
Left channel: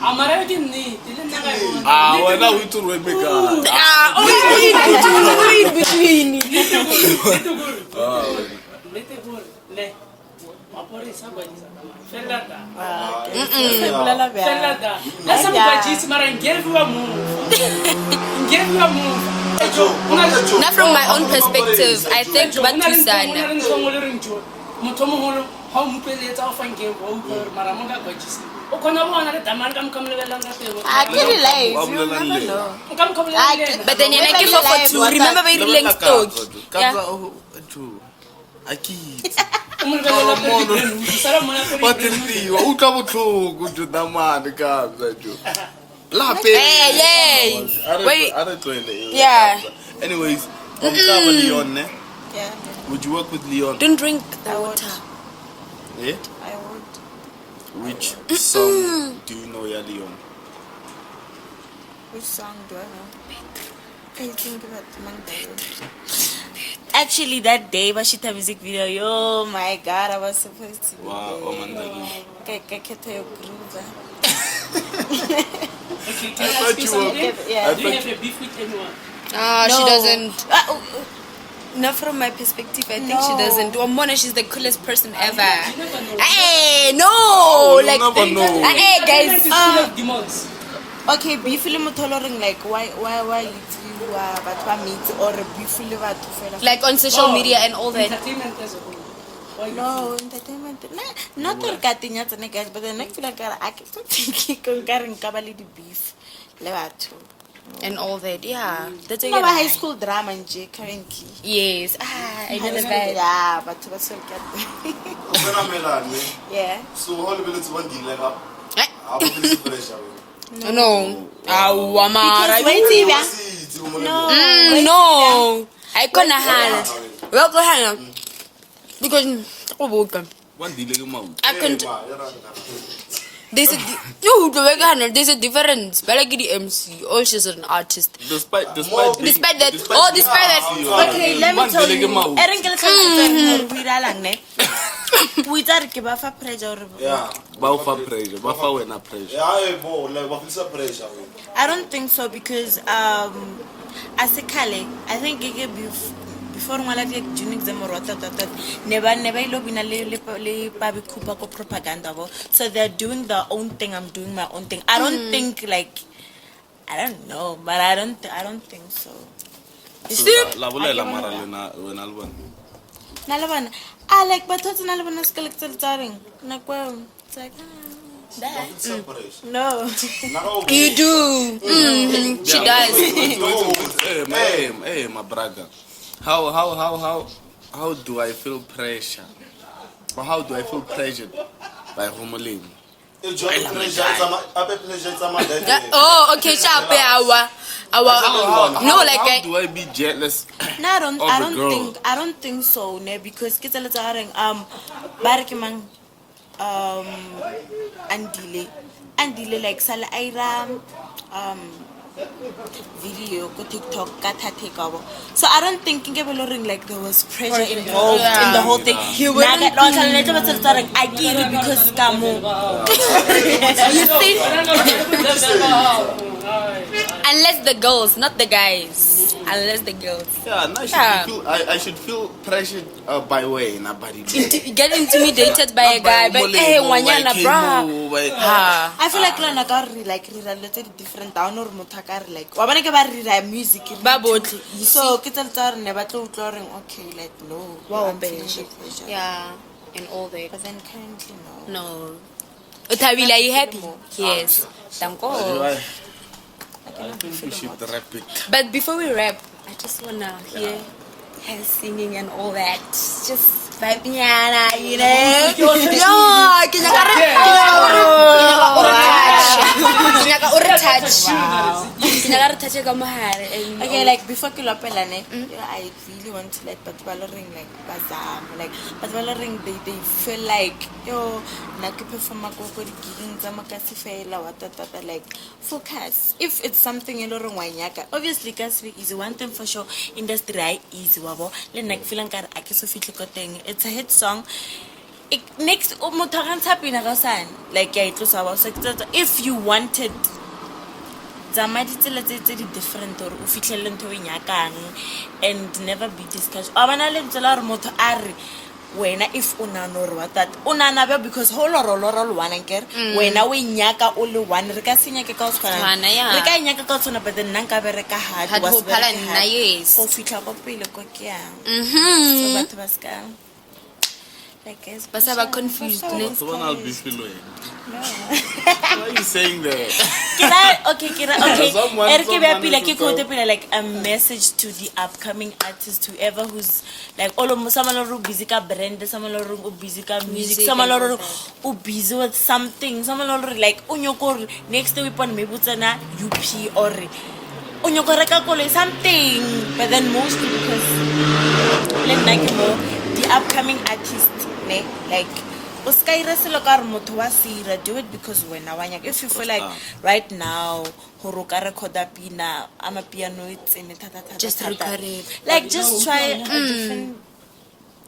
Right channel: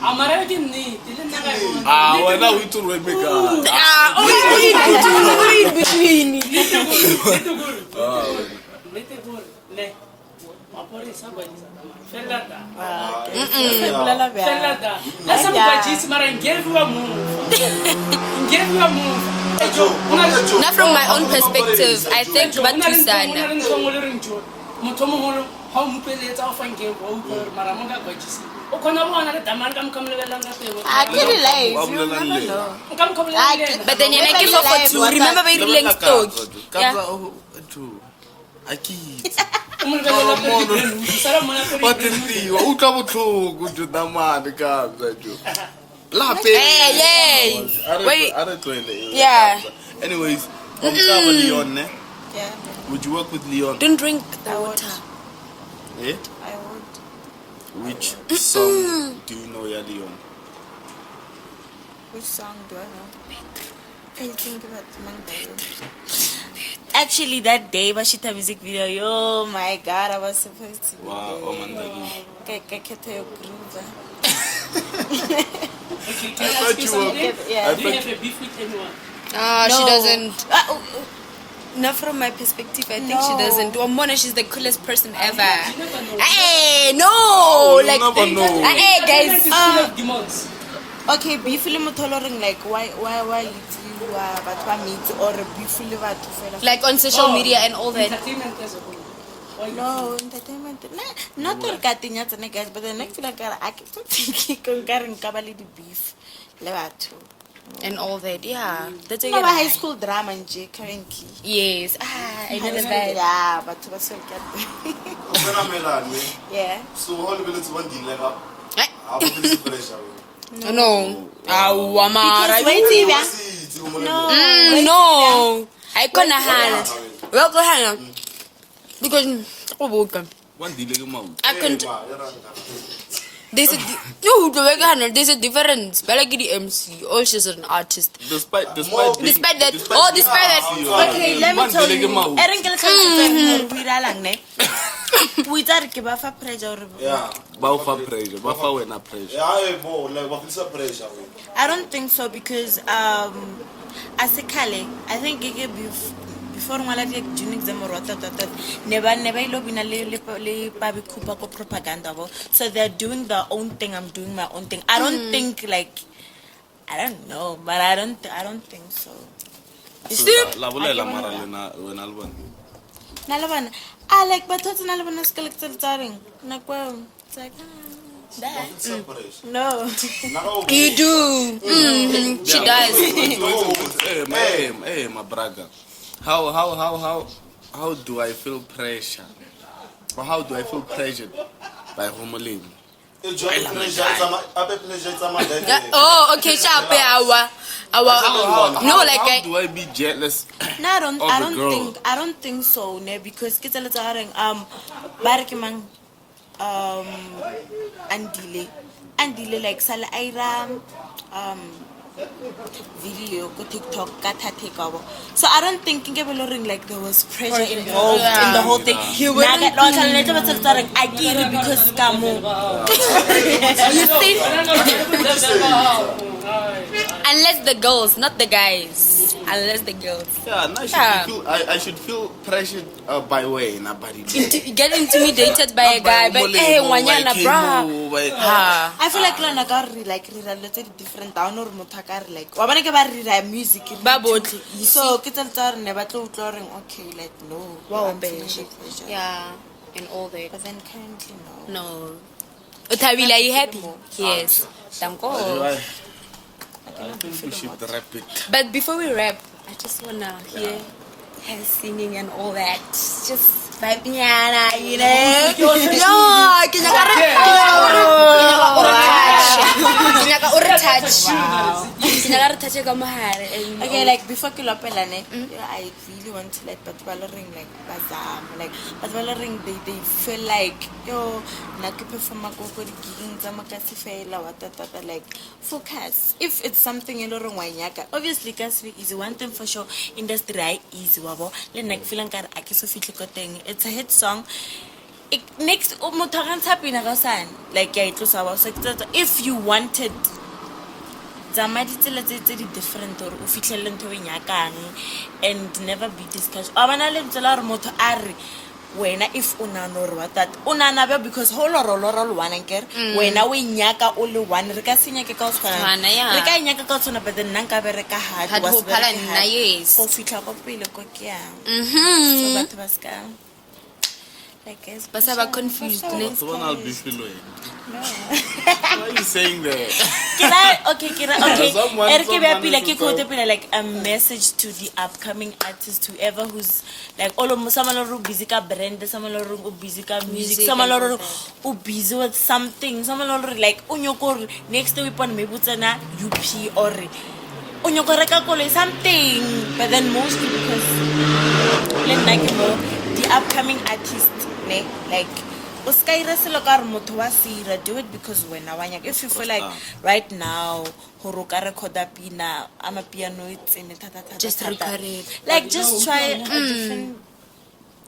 I'm already need. We're now to Rebecca. Between. Not from my own perspective, I think but then you make it for two. Remember very length story. Yeah. Anyways, Leon, Yeah. would you work with Leon? Don't drink the water. Yeah? I would. Which song do you know, Leon? Which song do I know? I think about actually that day Bashita music video, yo my god, I was supposed to. Wow, oh man. Okay, Okay, can I thought speak you were- something? Yeah. Do you have a beef with anyone? She No. doesn't. Not from my perspective, I think she No. doesn't. Mona, she's the coolest person ever. You never know. Hey, no! Like, never know. hey, guys. It's full of demons. Okay, bifile motoloring like why you but meet or bifile batho fela. Like on social media and all that. Entertainment as a whole. Why No, entertainment. Not all cutting at the guys, but then I feel like I keep thinking kabali the beef. Le batho. And all that, yeah. That's No, high school drama and J currently. Yes. I know that. Yeah, but what's so good? Yeah. So all the minutes one deal like up. Eh? I'll be pressure. No. Because waiting, yeah. No. No. I couldn't have. Well, go ahead. Because, One delay, I couldn't. There's a there's a difference. But like the MC, all she's an artist. Despite that. Despite that. Okay, let me tell you. Erin ke le tlhalosetse we dialang ne. We tsa re ke ba fa pressure. Yeah. Ba o fa pressure. Ba fa wena pressure. Yeah, like what is the pressure? I don't think so because as a Kale, I think before my like June exam or never ilobina le baby kupa ko propaganda. So they're doing their own thing, I'm doing my own thing. I don't think like I don't know, but I don't think so. La bolela mara lena wena le bona. Nalabana I like but what's nalabana skeletal taring. Nakwa it's like no. You do. She does. Hey, my brother. How do I feel pressure? Or how do I feel pressured by Homolin? Oh, okay, sharp. No, like how do I be jealous? No, I don't think so, ne, because kita le tsareng barikimang andile like sala aira video ko TikTok ka thatekabo. So I don't think like there was pressure involved in the whole thing. You wouldn't I get it because kamo. You see? Unless the girls, not the guys. Unless the girls. Yeah, I should feel pressured by way nobody. Get intimidated by a guy, but hey, wanyana bra. I feel like like related different down or mutakar like. Wabana ke ba rira music. So kita tsara ne ba tlo utloreng okay like no. Wow, yeah, and all that. But then kindly no. Uthabile, are you happy? Yes. Thank God. I think we should wrap it. But before we wrap, I just wanna hear her singing and all that. Just Babiana, you know? Okay, like before Kilopelane, I really want to like Patwalering like Bazam, like Patwalering they feel like yo like perform a go giving Zamakasifela what like focus. If it's something in Wanyaka, obviously Kasvi is one thing for sure, industry is wabo, then like feeling car thing. It's a hit song. Next happy like if you wanted different or and never be discussed. When if unanor that unanabe because whole or one anker when we nyaka only one recasinya cause nyaka cause but then nanka bereka had was nice. So that was but I was confused. Why are you saying that? Okay. Like a message to the upcoming artists, whoever who's like all of someone who busy brand, someone who busy music, someone who busy with something, someone like unyoko next week maybe UP or unyoko something, but then mostly because the upcoming artists. Like do it because when if you feel like right now I'm a piano just record it. Like just try a different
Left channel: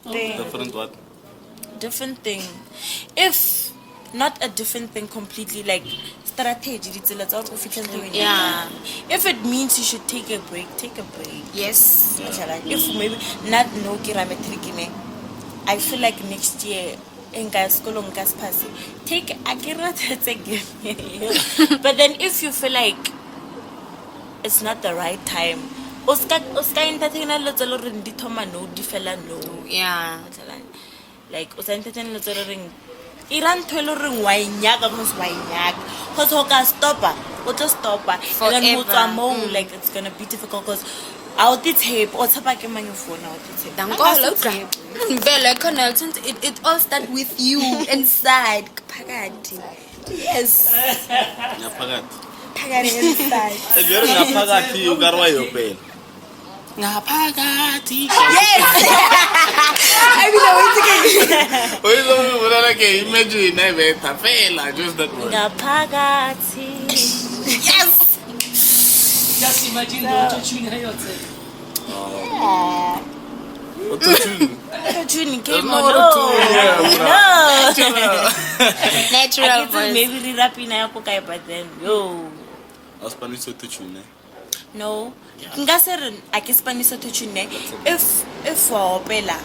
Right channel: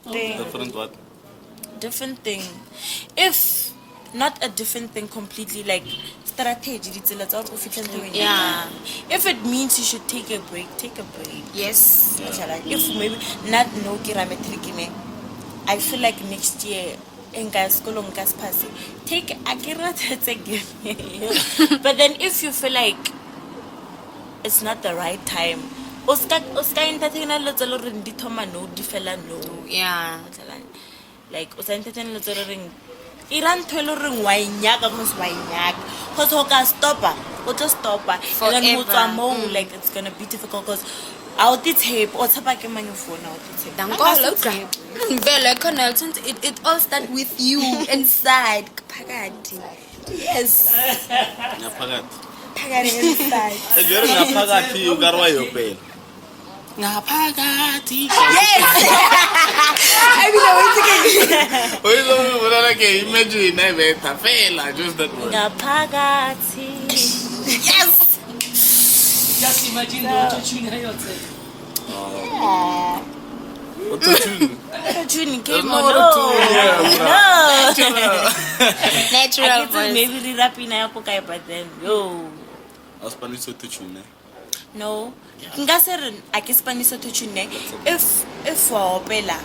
thing. Different what? Different thing. If not a different thing completely, like strategy. Yeah. If it means you should take a break, take a break. Yes. If maybe not no kirametrikine. I feel like next year take but then if you feel like it's not the right time, yeah, like Iran tolering wainyaka because wainyaka because stopper and like it's gonna be difficult because out the tape or tabak in my phone it all starts with you inside. Yes. Inside. You got why you pay. Ngapagati. Yes. I mean, I Imagine I made Tafela, just that one. Ngapagati. yes. Just imagine what you're doing here. Kaymor, no. Natural voice. Maybe the rapping I but then yo. I was Spanish to tune. No. Ngase I can Spanish to tune. If for Bella.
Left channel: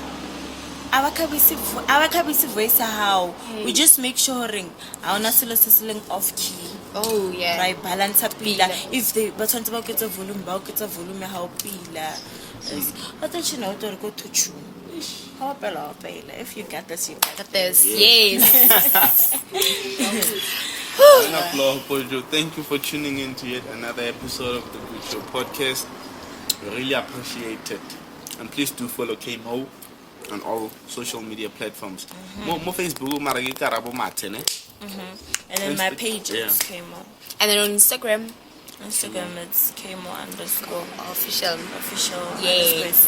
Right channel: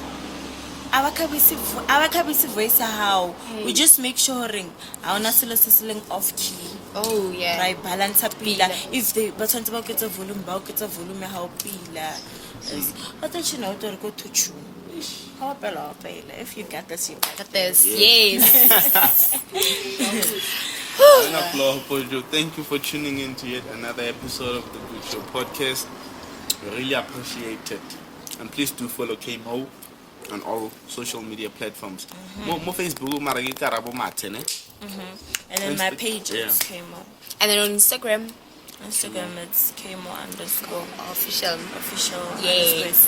Abakhabisi voice how we just make sure ring awuna silo sesiling off key. Oh yeah. Right, balance up pila. If they but want to get a volume how pila. But then you know to go to tune. How pala. If you get this, you get this. Yes. Thank you for tuning in to yet another episode of the Good Show podcast. We really appreciate it. And please do follow Kaymor on all social media platforms. More Facebook, and then my page is Kaymor. And then on Instagram it's Kaymor_official. Yes.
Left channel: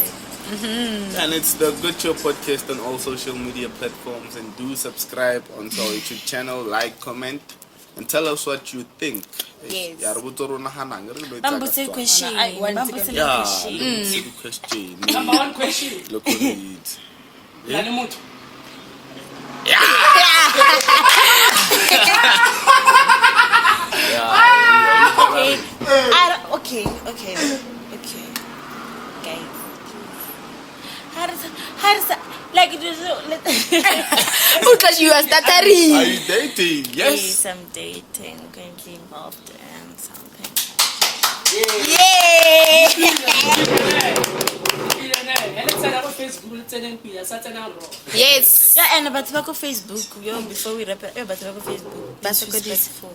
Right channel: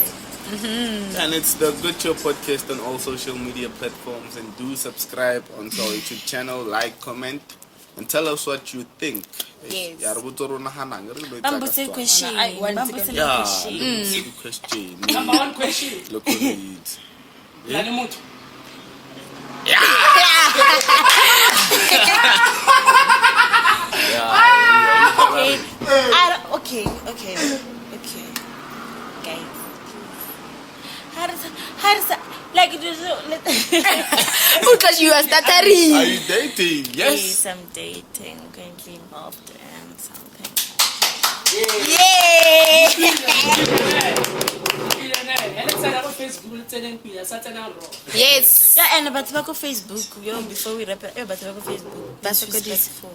And it's the Good Show podcast on all social media platforms. And do subscribe onto our YouTube channel, like, comment, and tell us what you think. Yes. Bambuse question. Question. Number one question. Look on it. Okay. How does that like it is because you are Are stuttering. you dating? Yes. Yes, I'm dating. Can keep off and something. Yes. Yeah, and but back on Facebook, before we wrap it, but back on Facebook. That's a good use for.